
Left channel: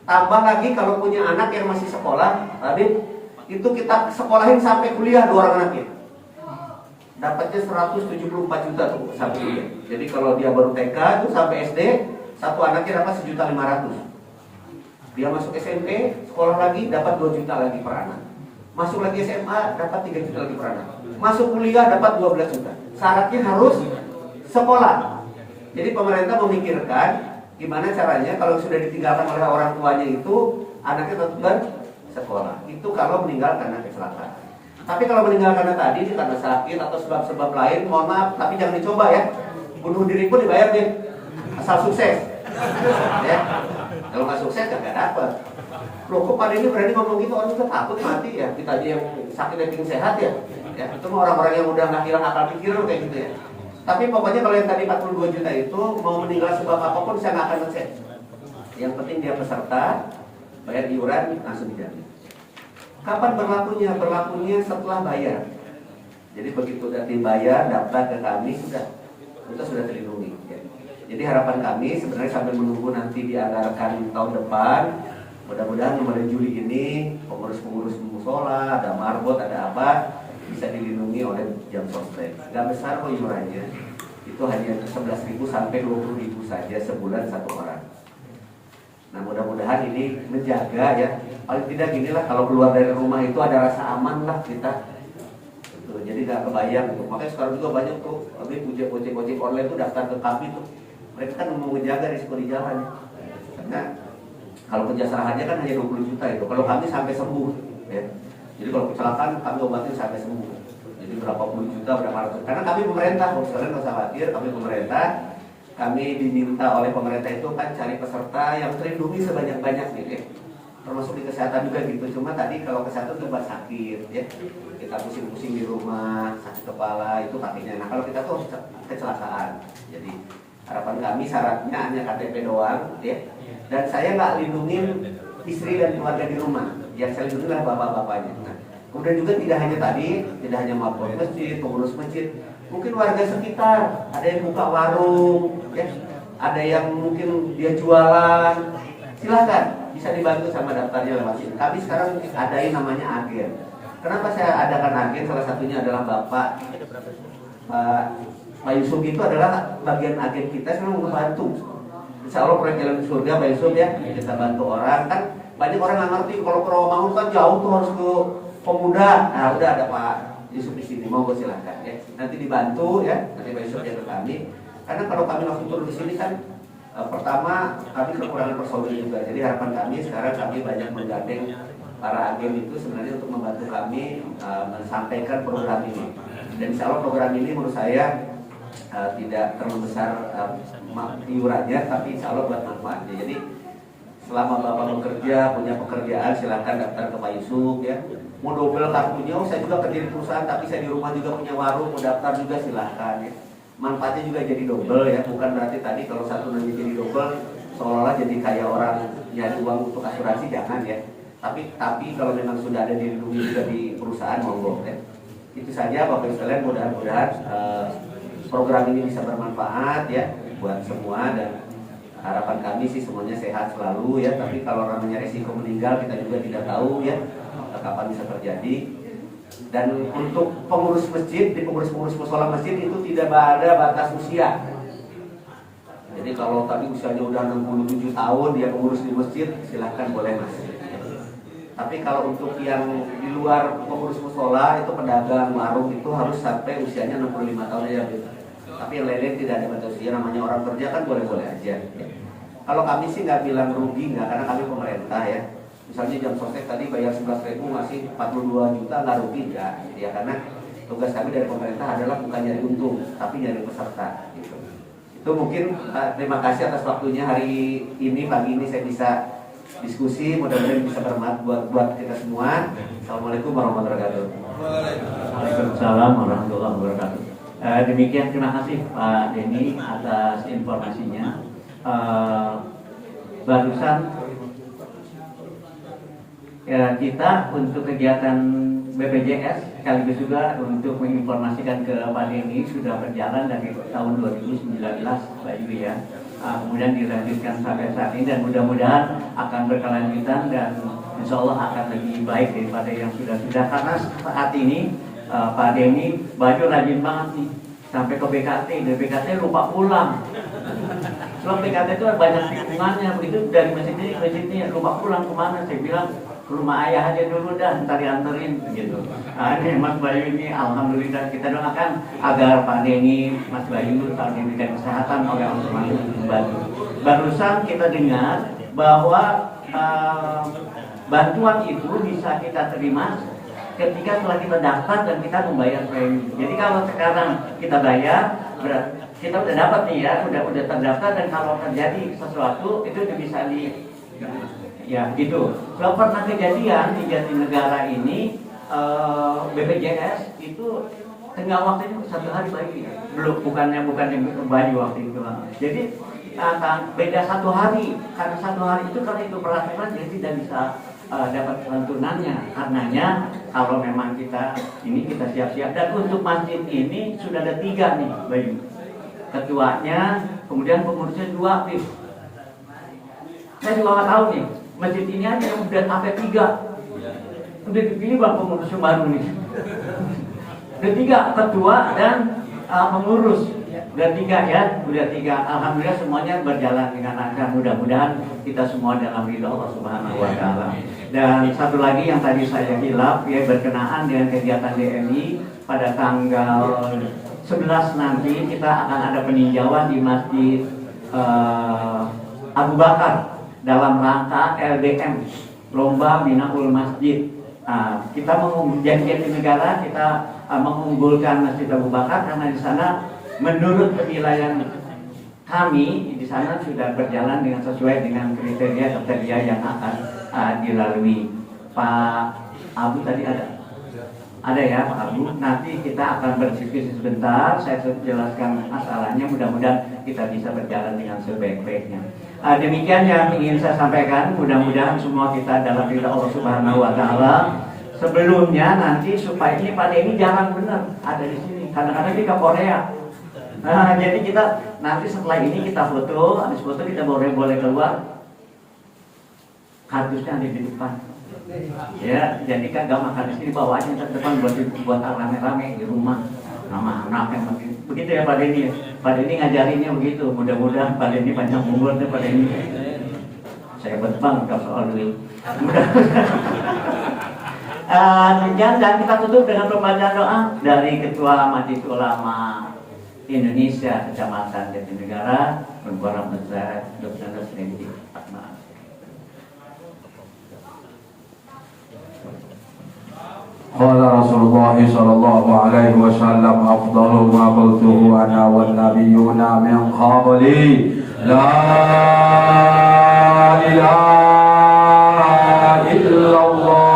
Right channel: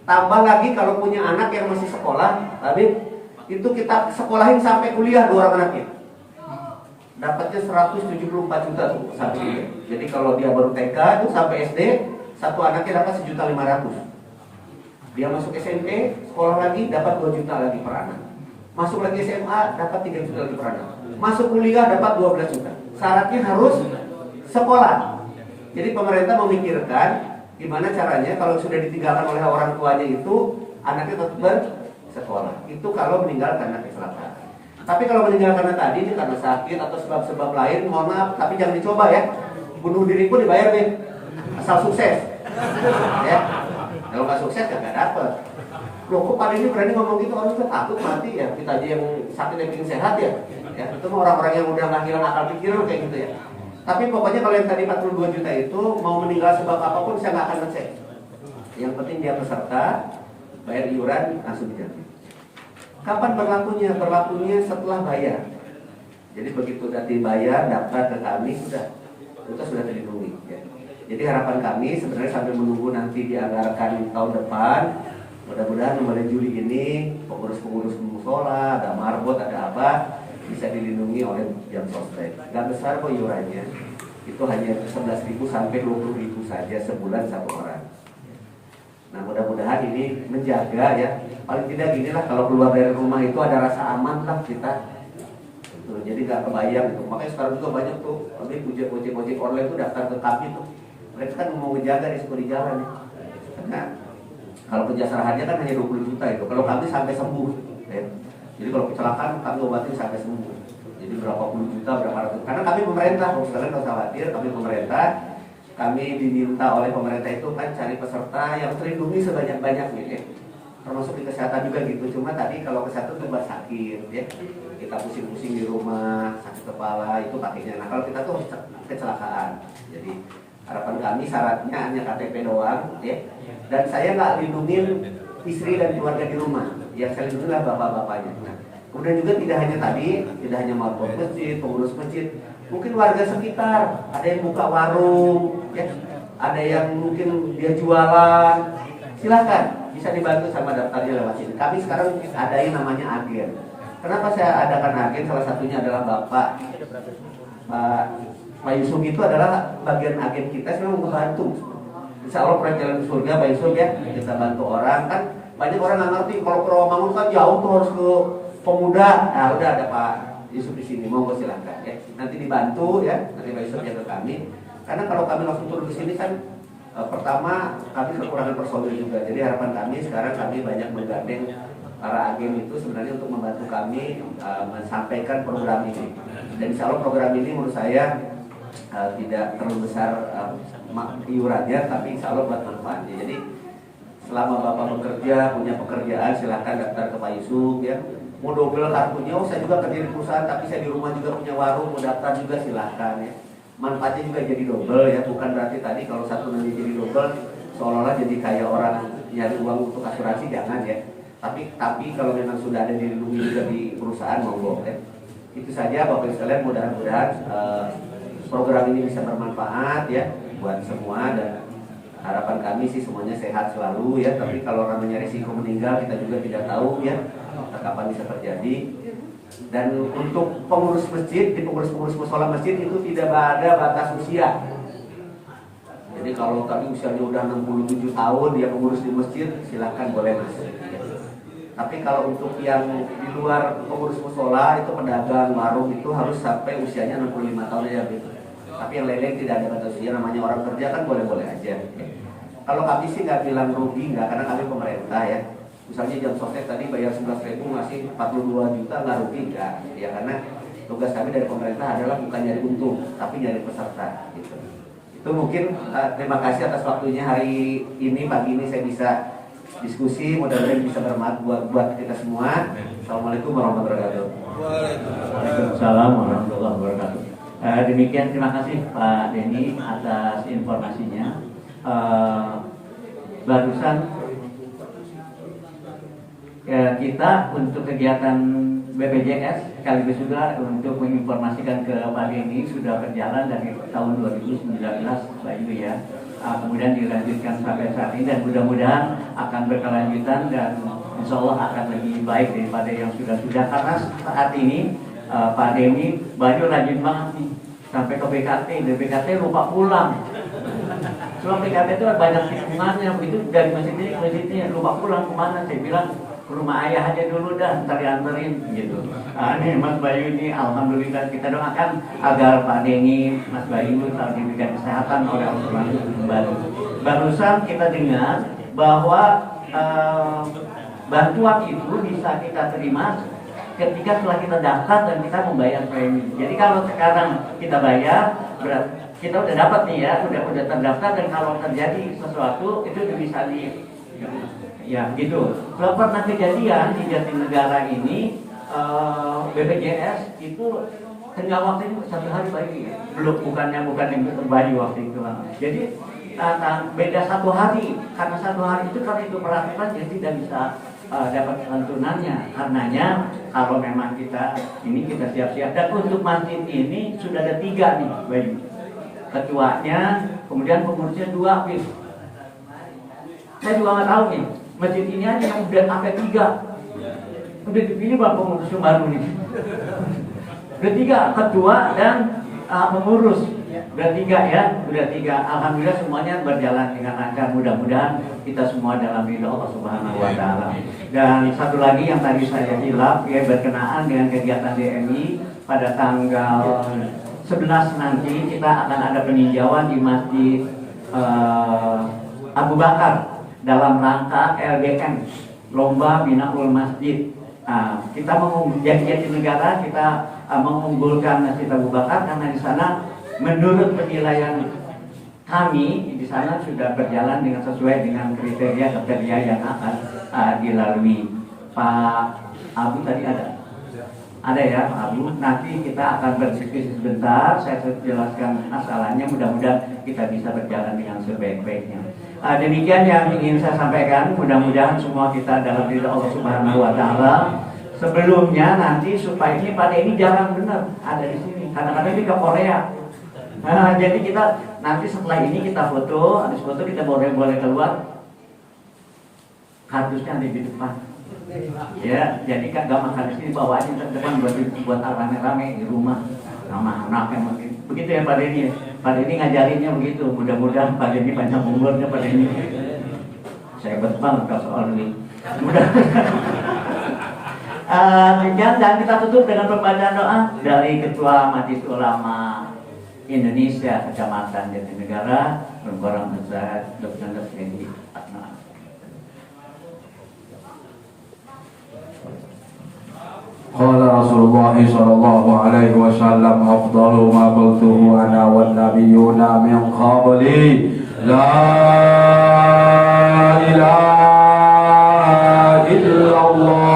Tambah lagi kalau punya anak yang masih sekolah, tapi itu kita sekolahin sampai kuliah 2 orang anaknya. Dapatnya 174 juta tuh sampai kuliah. Jadi kalau dia baru TK itu sampai SD, satu anaknya dapat 1.500.000. Dia masuk SMP, sekolah lagi dapat 2 juta lagi per anak. Masuk lagi SMA dapat 3 juta lagi per anak. Masuk kuliah dapat 12 juta. Syaratnya harus sekolah. Jadi pemerintah memikirkan gimana caranya kalau sudah ditinggalkan oleh orang tuanya itu anaknya tetap bersekolah. Itu kalau meninggal karena kecelakaan. Tapi kalau meninggal karena tadi ini karena sakit atau sebab-sebab lain, mohon maaf, tapi jangan dicoba ya. Bunuh diri pun dibayar nih, asal sukses. Ya, kalau nggak sukses nggak dapet. Loh kok Pak ini berani ngomong gitu, orang kan takut mati ya. Kita aja yang sakit yang bikin sehat ya. Ya itu orang-orang yang udah nggak hilang akal pikir kayak gitu ya. Tapi pokoknya kalau yang tadi 42 juta itu mau meninggal sebab apapun saya nggak akan ngecek. Yang penting dia peserta, bayar iuran langsung dijamin. Kapan berlakunya? Berlakunya setelah bayar. Jadi begitu udah bayar, daftar ke kami kita sudah terlindungi. Ya. Jadi harapan kami sebenarnya sambil menunggu nanti dianggarkan tahun depan, Mudah-mudahan mulai Juli ini pengurus-pengurus musola, ada marbot, ada apa bisa dilindungi oleh jam sostek. Gak besar kok iurannya, itu hanya 11.000 sampai 20.000 saja sebulan satu orang. Nah mudah-mudahan ini menjaga ya, paling tidak ginilah kalau keluar dari rumah itu ada rasa aman lah kita. Jadi gak kebayang gitu. Makanya sekarang juga banyak tuh ojek online tuh daftar ke kami tuh. Mereka kan mau menjaga risiko di jalan. Karena kalau penjasarahannya kan hanya 20 juta itu. Kalau kami sampai sembuh ya. Jadi kalau kecelakaan kami obatin sampai sembuh. Jadi berapa puluh juta, berapa ratus. Karena kami pemerintah, kalian nggak usah khawatir, kami pemerintah. Kami diminta oleh pemerintah itu kan cari peserta yang terlindungi sebanyak-banyaknya ya. Termasuk di kesehatan juga gitu. Cuma tadi kalau kesehatan tuh sakit ya. Kita pusing-pusing di rumah, sakit kepala, itu kakinya. Nah kalau kita tuh kecelakaan. Jadi harapan kami syaratnya hanya KTP doang ya. Dan saya nggak lindungin istri dan keluarga di rumah. Yang saya lindungi adalah bapak-bapaknya. Nah, kemudian juga tidak hanya tadi, tidak hanya mapol masjid, pengurus masjid, mungkin warga sekitar, ada yang buka warung, ya, ada yang mungkin dia jualan, silakan bisa dibantu sama daftarnya lewat sini. Kami sekarang adain namanya agen. Kenapa saya adakan agen? Salah satunya adalah Pak Yusuf itu adalah bagian agen kita, saya mau membantu. Insya Allah proyek Jalan Surga Pak Yusuf ya, kita bantu orang kan. Banyak orang nggak ngerti kalau ke Rawamangun kan jauh tuh harus ke Pemuda. Nah udah ada Pak Yusuf di sini, monggo silakan ya. Nanti dibantu ya, nanti Pak Yusuf jaga kami. Karena kalau kami langsung turun di sini kan pertama kami kekurangan personil juga. Jadi harapan kami sekarang kami banyak menggandeng para agen itu sebenarnya untuk membantu kami menyampaikan program ini. Dan insya Allah program ini menurut saya tidak terlalu besar iurannya, tapi insya Allah buat manfaatnya. Jadi selama Bapak bekerja, punya pekerjaan, silahkan daftar ke Pak Yusuf ya. Mau double kartunya, saya juga kerja di perusahaan, tapi saya di rumah juga punya warung, mau daftar juga silahkan ya. Manfaatnya juga jadi double ya, bukan berarti tadi kalau satu nanti jadi double, seolah-olah jadi kayak orang nyari uang untuk asuransi, jangan ya. Tapi kalau memang sudah ada dilindungi juga di perusahaan, monggo ya. Itu saja Bapak Ibu sekalian, mudah-mudahan program ini bisa bermanfaat ya buat semua, dan harapan kami sih semuanya sehat selalu ya. Tapi kalau namanya risiko meninggal kita juga tidak tahu ya kapan bisa terjadi. Dan untuk pengurus masjid, di pengurus musola masjid itu tidak ada batas usia. Jadi kalau kami usianya udah 67 tahun dia pengurus di masjid, silahkan boleh masuk. Tapi kalau untuk yang di luar pengurus musola itu pedagang warung itu harus sampai usianya 65 tahun aja gitu. Tapi yang lain-lain tidak ada batas usia, namanya orang kerja kan boleh-boleh aja. Kalau kami sih nggak bilang rugi, nggak, karena kami pemerintah ya. Misalnya jam sostek tadi bayar 11.000 ngasih 42 juta, nggak rugi nggak? Ya karena tugas kami dari pemerintah adalah bukan nyari untung, tapi nyari peserta. Gitu. Itu mungkin terima kasih atas waktunya hari ini, pagi ini saya bisa diskusi, mudah-mudahan bisa bermanfaat buat kita semua. Assalamualaikum warahmatullahi wabarakatuh. Waalaikumsalam warahmatullahi wabarakatuh. Demikian, terima kasih Pak Denny atas informasinya. Barusan ya, kita untuk kegiatan BPJS sekaligus juga untuk menginformasikan ke Pak Denny sudah berjalan dari tahun 2019 Pak Yuri ya. Kemudian dilanjutkan sampai saat ini dan mudah-mudahan akan berkelanjutan dan insya Allah akan lebih baik daripada yang sudah-sudah, karena saat ini Pak Denny baju rajin banget nih sampai ke BKT, dari BKT lupa pulang. Soal BKT itu banyak tikungannya, begitu dari masjid ini ke masjid ini lupa pulang kemana? Saya bilang ke rumah ayah aja dulu dah, ntar dianterin gitu. Ini Mas Bayu ini alhamdulillah kita doakan agar Pak Denny, Mas Bayu selalu diberikan kesehatan oleh Allah Subhanahu wa Ta'ala. Barusan kita dengar bahwa bantuan itu bisa kita terima ketika setelah kita daftar dan kita membayar premi. Jadi kalau sekarang kita bayar, kita udah dapat nih ya, udah terdaftar, dan kalau terjadi sesuatu itu bisa ya gitu. Kalau pernah kejadian di Jatinegara ini BPJS itu tengah waktu itu 1 hari pagi ya. Bukan yang bagi waktu itu. Jadi beda 1 hari, karena 1 hari itu kalau itu peraturan jadi tidak bisa dapat santunannya. Karenanya kalau memang kita siap-siap, dan untuk masjid ini sudah ada 3 nih Bayu. Ketuanya, kemudian pengurusnya 2 aktif. Saya juga nggak tahu nih masjid ini aja yang udah sampai 3. Udah dipilih bang pengurus yang baru nih. Udah 3 ketua dan pengurus. Udah 3 ya, udah 3. Alhamdulillah semuanya berjalan dengan lancar. Mudah-mudahan kita semua dalam ridha Allah Subhanahu wa taala. Dan satu lagi yang tadi saya hilaf ya, berkenaan dengan kegiatan DMI pada tanggal 11 nanti kita akan ada peninjauan di Masjid Abu Bakar dalam rangka LDM, Lomba Binaul Masjid. Kita menjadi negara, kita mengunggulkan Masjid Abu Bakar karena di sana menurut penilaian kami di sana sudah berjalan dengan sesuai dengan kriteria yang akan dilalui. Pak Abu tadi ada ya Pak Abu. Nanti kita akan berdiskusi sebentar. Saya jelaskan masalahnya. Mudah-mudahan kita bisa berjalan dengan sebaik-baiknya. Demikian yang ingin saya sampaikan. Mudah-mudahan semua kita dalam ridha Allah Subhanahu wa taala. Sebelumnya nanti supaya ini pada ini jarang benar ada di sini. Kadang-kadang di Korea. Jadi kita nanti setelah ini kita foto, habis foto kita boleh keluar. Kardusnya ada di depan. Ya, jadi kan gak makan di sini, bawa aja ke depan buat rame-rame di rumah. Nama anaknya begitu ya Pak Denny. Pak Denny ngajarinnya begitu. Mudah-mudahan Pak Denny banyak umurnya Pak Denny. Saya berbang kalau soal duit. Dan kita tutup dengan pembacaan doa dari Ketua Majelis Ulama Indonesia Kecamatan Jatinegara, Bapak Ustaz Dr. Neslendi Akmal. قال رسول الله صلى الله عليه وسلم أفضل ما قلته أنا والنبيون من قبلي لا إله إلا الله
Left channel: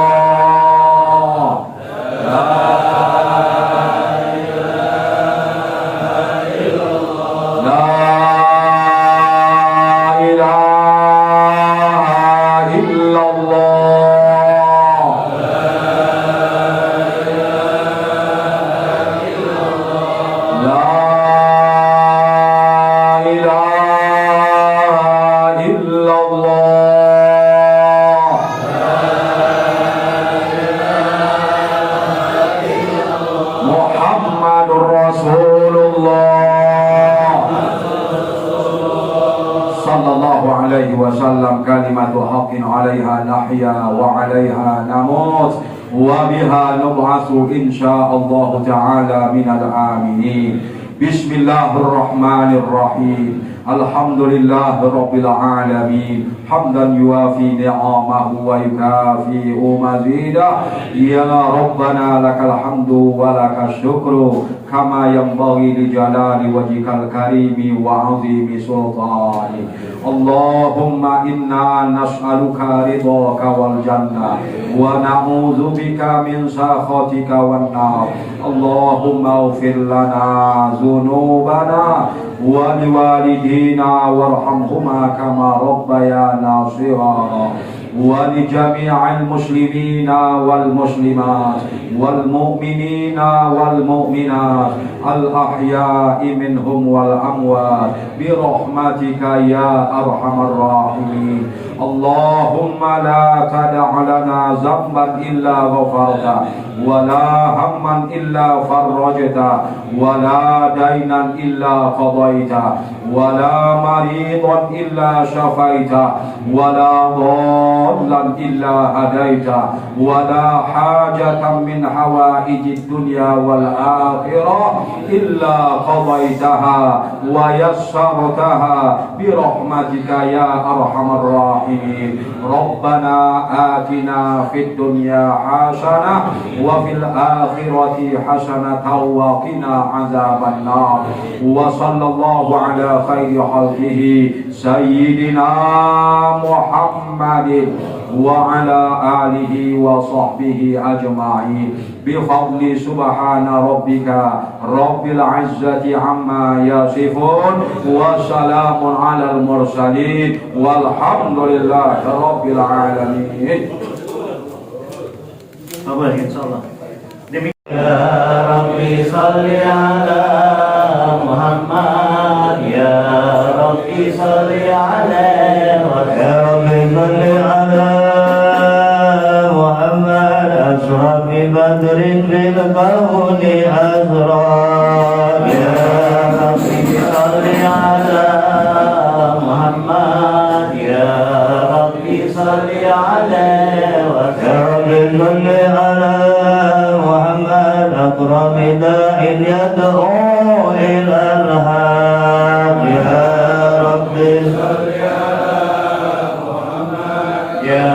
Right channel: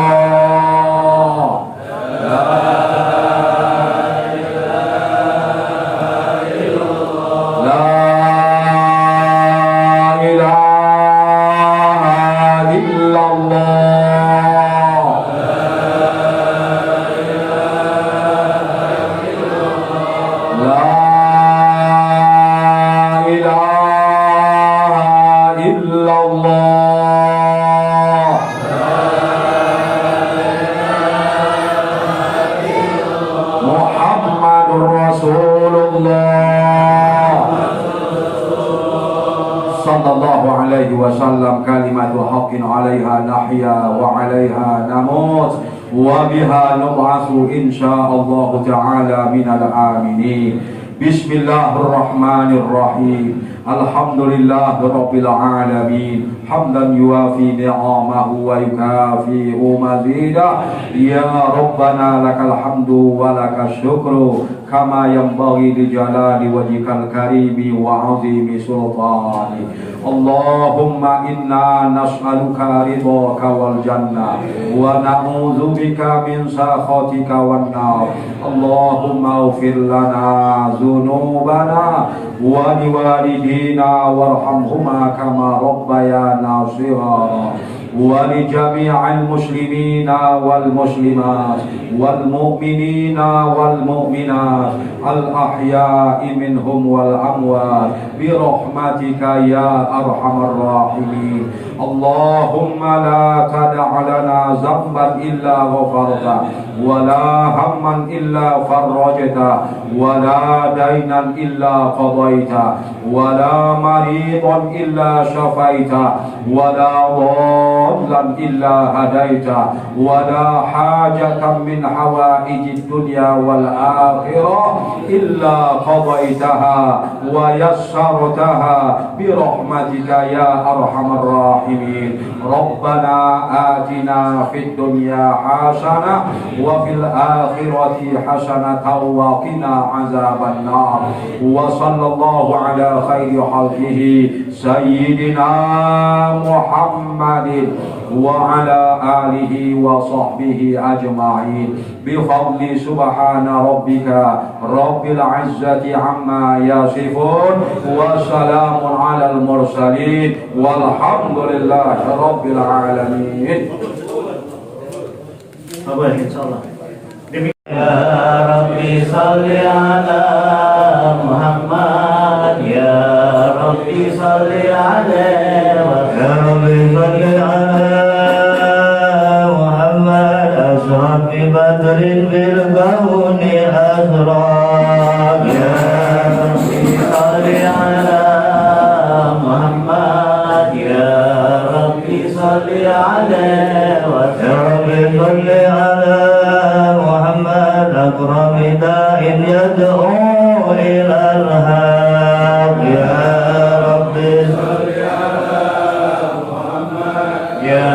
wasallam kalimatu haqqin 'alaiha nahya wa 'alaiha namut wa biha nub'atsu insyaallah ta'ala minal aminin. Bismillahirrahmanirrahim. Alhamdulillahirabbil alamin. Hamdan yuafi ni'amahu wa yukafi'u mazidah. Ya Rabbana lakal hamdu wa lakas syukru kama yanbaghi li jalali wajhikal karimi wa 'azimi sultani. Allahumma inna nas'aluka ridhaka wal jannah wa na'udzubika min sakhatika wan nar. Allahumma ighfir lana dzunubana wa liwalidina warhamhuma kama rabbayana shighara wa li jami'il muslimina wal muslimat wal mu'minina wal mu'minat al ahya'i minhum wal amwat bi rahmatika ya arhamar rahimin. Allahumma la tada' lana zamban illa ghafarta wa la hamman illa farrajta wa la dainan illa qadaita wa la maridan illa syafaita wa la dhallan illa hadaita wa la hajatan min hawaijid dunya wal akhirah illa qadaitaha wa yassartaha bi rahmatika ya arhamar rahimin. Rabbana atina fid dunya hasanah wa fil akhirati hasanatan wa qina azaban nar. Wa sallallahu ala khairi khalqihi sayyidina Muhammadin wa ala alihi wa sahbihi ajma'in bi fadli subhana rabbika rabbil izzati amma yasifun wa salamun alal mursalin walhamdulillahi rabbil alamin. Bapak insyaallah. Ya Rabbi salli ala Muhammad, ya Rabbi salli alaihi wa sallam. بدر بالكون أسرى يا ربي صل على محمد يا ربي صل عليه وسلم على محمد أكرم داع يدعو إلى الحق يا ربي صل على محمد يا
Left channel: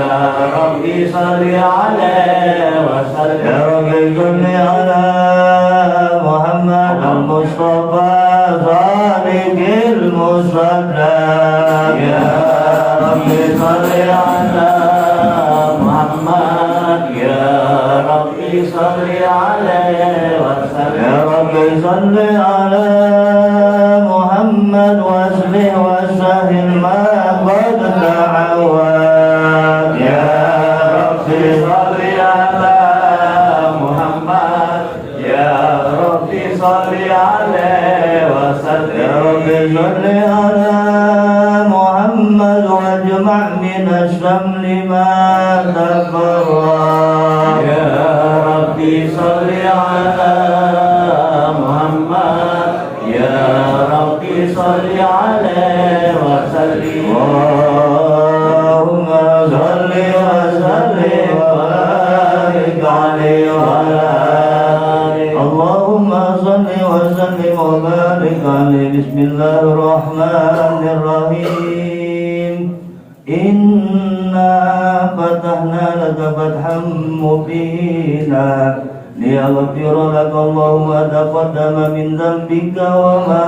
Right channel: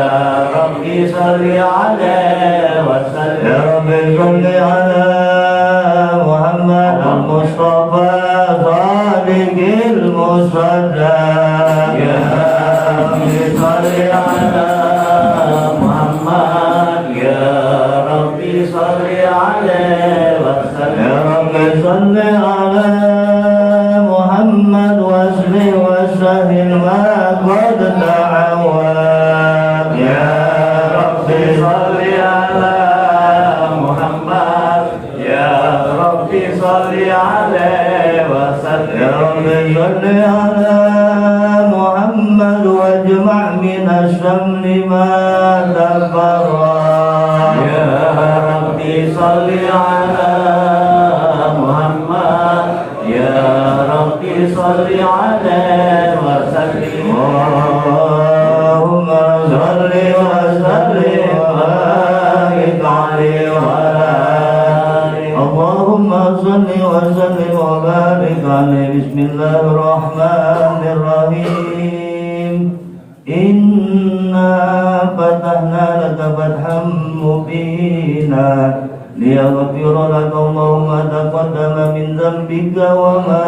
ربي صل عليه وسلم يا ربي صل على محمد المصطفى صادق المصدق يا ربي صل على محمد يا ربي صل عليه وسلم يا ربي صل على محمد واسلم وسهل ما قد تعود يا ربي صل على محمد يا ربي صل عليه وسلم يا ربي صل على محمد واجمع من الشمل ما تفرق يا ربي صل على محمد يا ربي صل عليه وسلم اللهم صل وسلم وبارك عليه وعلى آله اللهم صل وسلم وبارك عليه بسم الله الرحمن الرحيم إنا فتحنا لك فتحا مبينا ليغفر لك الله ما تقدم من ذنبك وما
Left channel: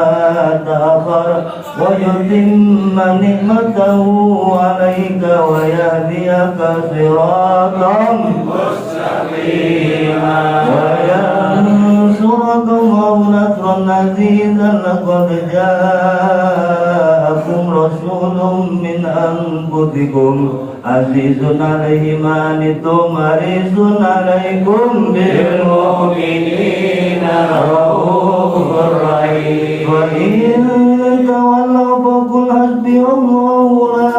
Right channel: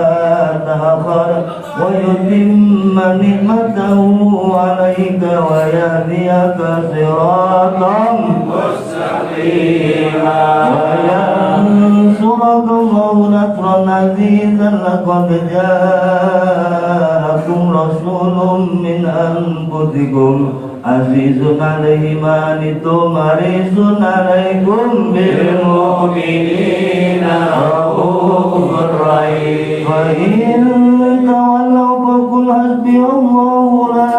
تأخر ويتم نعمته عليك ويهديك صراطا مستقيما وينصرك الله نصرا عزيزا لقد جاءكم رسول من أنفسكم عزيز عليه ما عنتم حريص عليكم بالمؤمنين رؤوف رحيم وإن تولوا فقل حسبي الله لا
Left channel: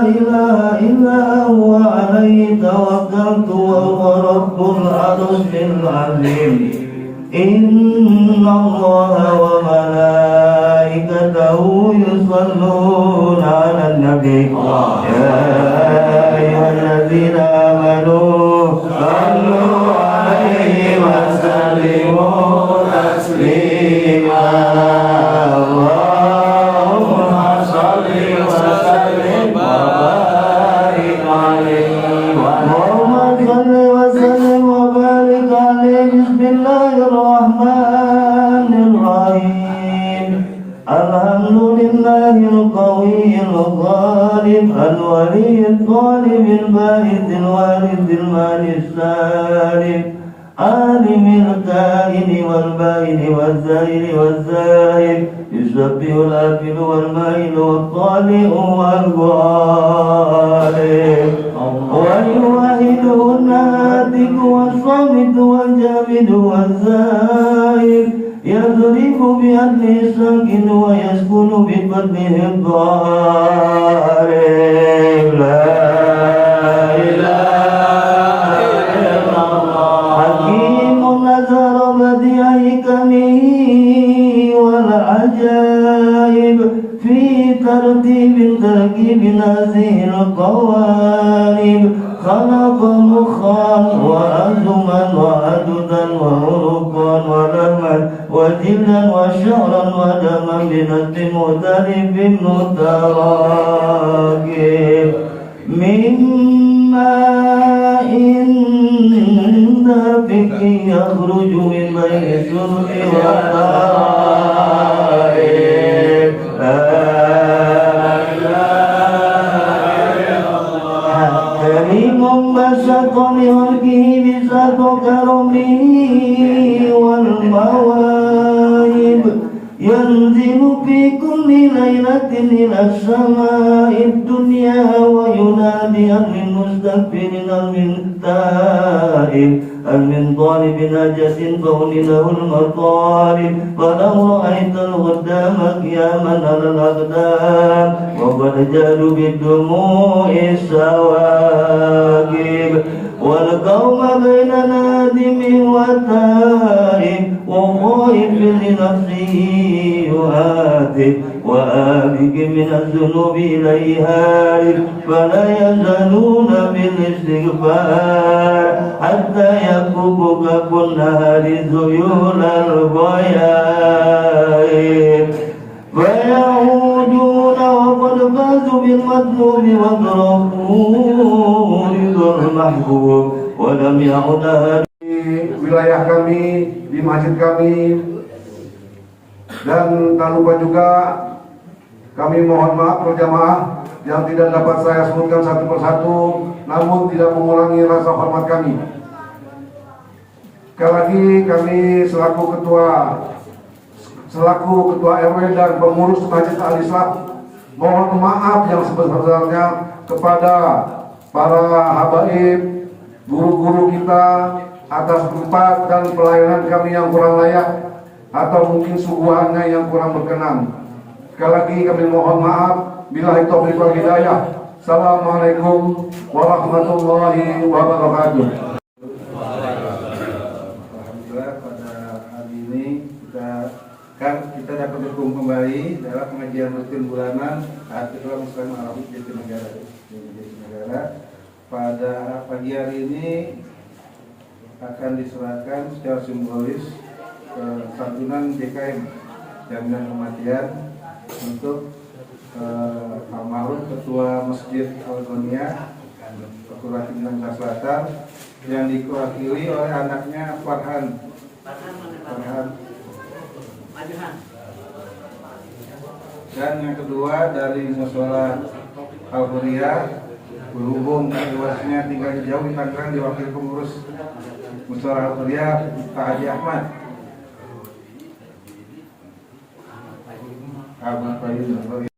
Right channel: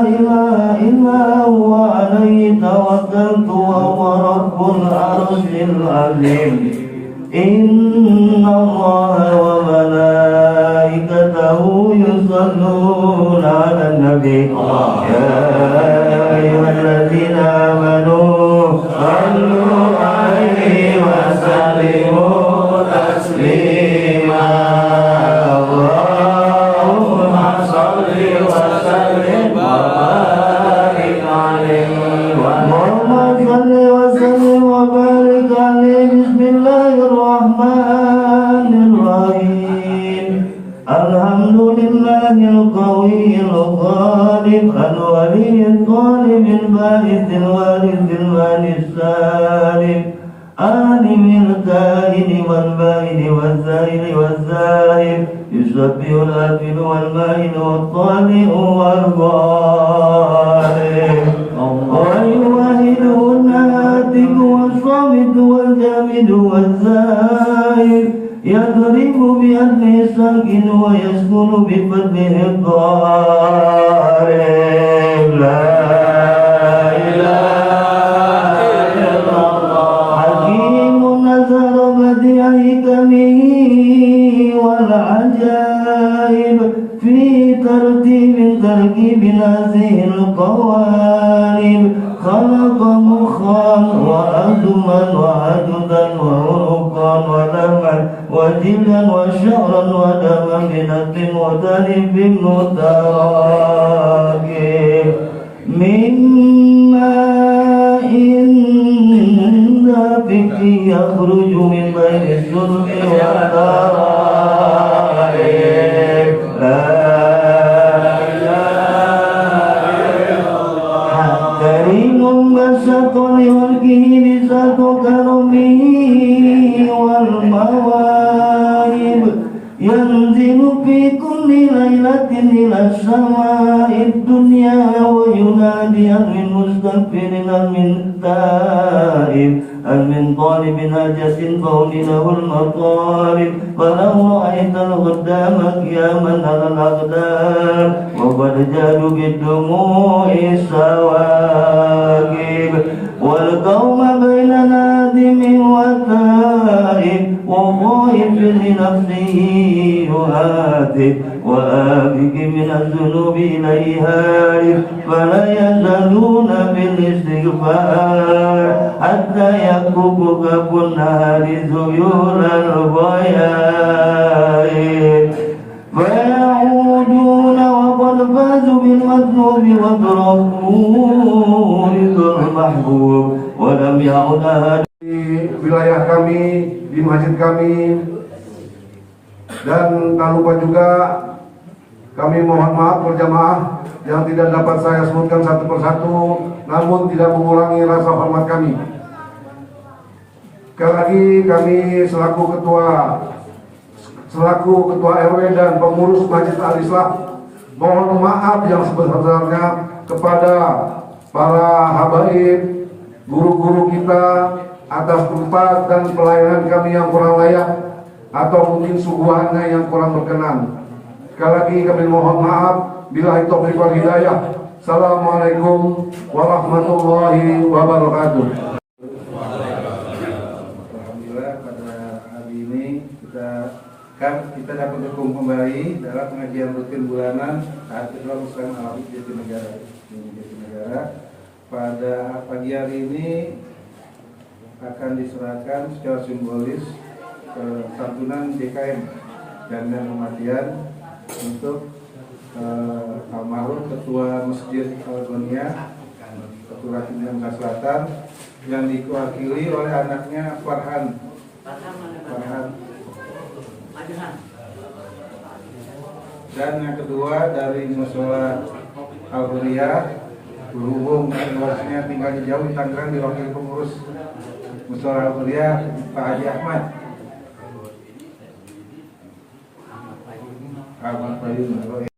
إله إلا هو عليه توكلت وهو رب العرش العظيم إن الله وملائكته يصلون على النبي يا أيها الذين آمنوا صلوا عليه وسلموا تسليما اللهم صل وسلم وبارك عليه اللهم صل وسلم وبارك عليه بسم الله الرحمن الرحيم الحمد لله القوي الغالب الولي الطالب الباعث الوارث المال السالم عالم الكائن والبائن والزائر والزائر يسبح الآكل والمائل والطالع والغالب والواحد الناتج والصامت والجامد والزائر يضرب بأدنه الساكن ويسكن بفتحه الضارب لا إله إلا الله حكيم نزل بديع حكمه والعجائب في ترتيب تركيب هذه القوارب خلق مخا وعزما وعددا وعنقا ولما وجلدا وشعرا ودما بنسب مختلف متراكب من ماء دافق يخرج من بين السلح والترائب كريم بسط لخلقه بسط كرمه والمواهب ينزل في كل ليلة إلى السماء الدنيا وينادي هل من مستغفر هل من تائب هل من طالب حاجة فهل له المطالب فلو رأيت الغدام قياما على الأقدام وقد جادوا بالدموع السواقب والقوم بين نادم وتائب وخائف لنفسه يهاتف وآبك من الذنوب إليها فلا يزالون بالاستغفار حتى يكبك كالنهر ذيول الغيائب فيعودون وقد فازوا بالمطلوب وتركوا المحبوب ولم يعد Di wilayah kami, di masjid kami, dan tak lupa juga kami mohon maaf berjamaah yang tidak dapat saya sebutkan satu persatu, namun tidak mengurangi rasa hormat kami. Sekali lagi kami selaku ketua RW dan pengurus Masjid Al-Islah mohon maaf yang sebesar-besarnya kepada para habaib, guru-guru kita atas tempat dan pelayanan kami yang kurang layak atau mungkin suguhannya yang kurang berkenan. Sekali lagi kami mohon maaf. Billahi taufiq wal hidayah. Assalamualaikum warahmatullahi wabarakatuh. Alhamdulillah pada hari ini kita dapat berkumpul kembali dalam pengajian rutin bulanan Al-Islam Muslim Al-Habib Jatinegara. Pada pagi hari ini akan diserahkan secara simbolis santunan JKM jaminan kematian untuk almarhum Ketua Masjid Al-Ghonia Ketua Timur Selatan yang diwakili oleh anaknya Farhan. Dan yang kedua dari Mushola Al-Huriyah, berhubung luasnya tinggalnya jauh di Tangerang, diwakili pengurus Mushola Al-Huriyah Pak Haji Ahmad.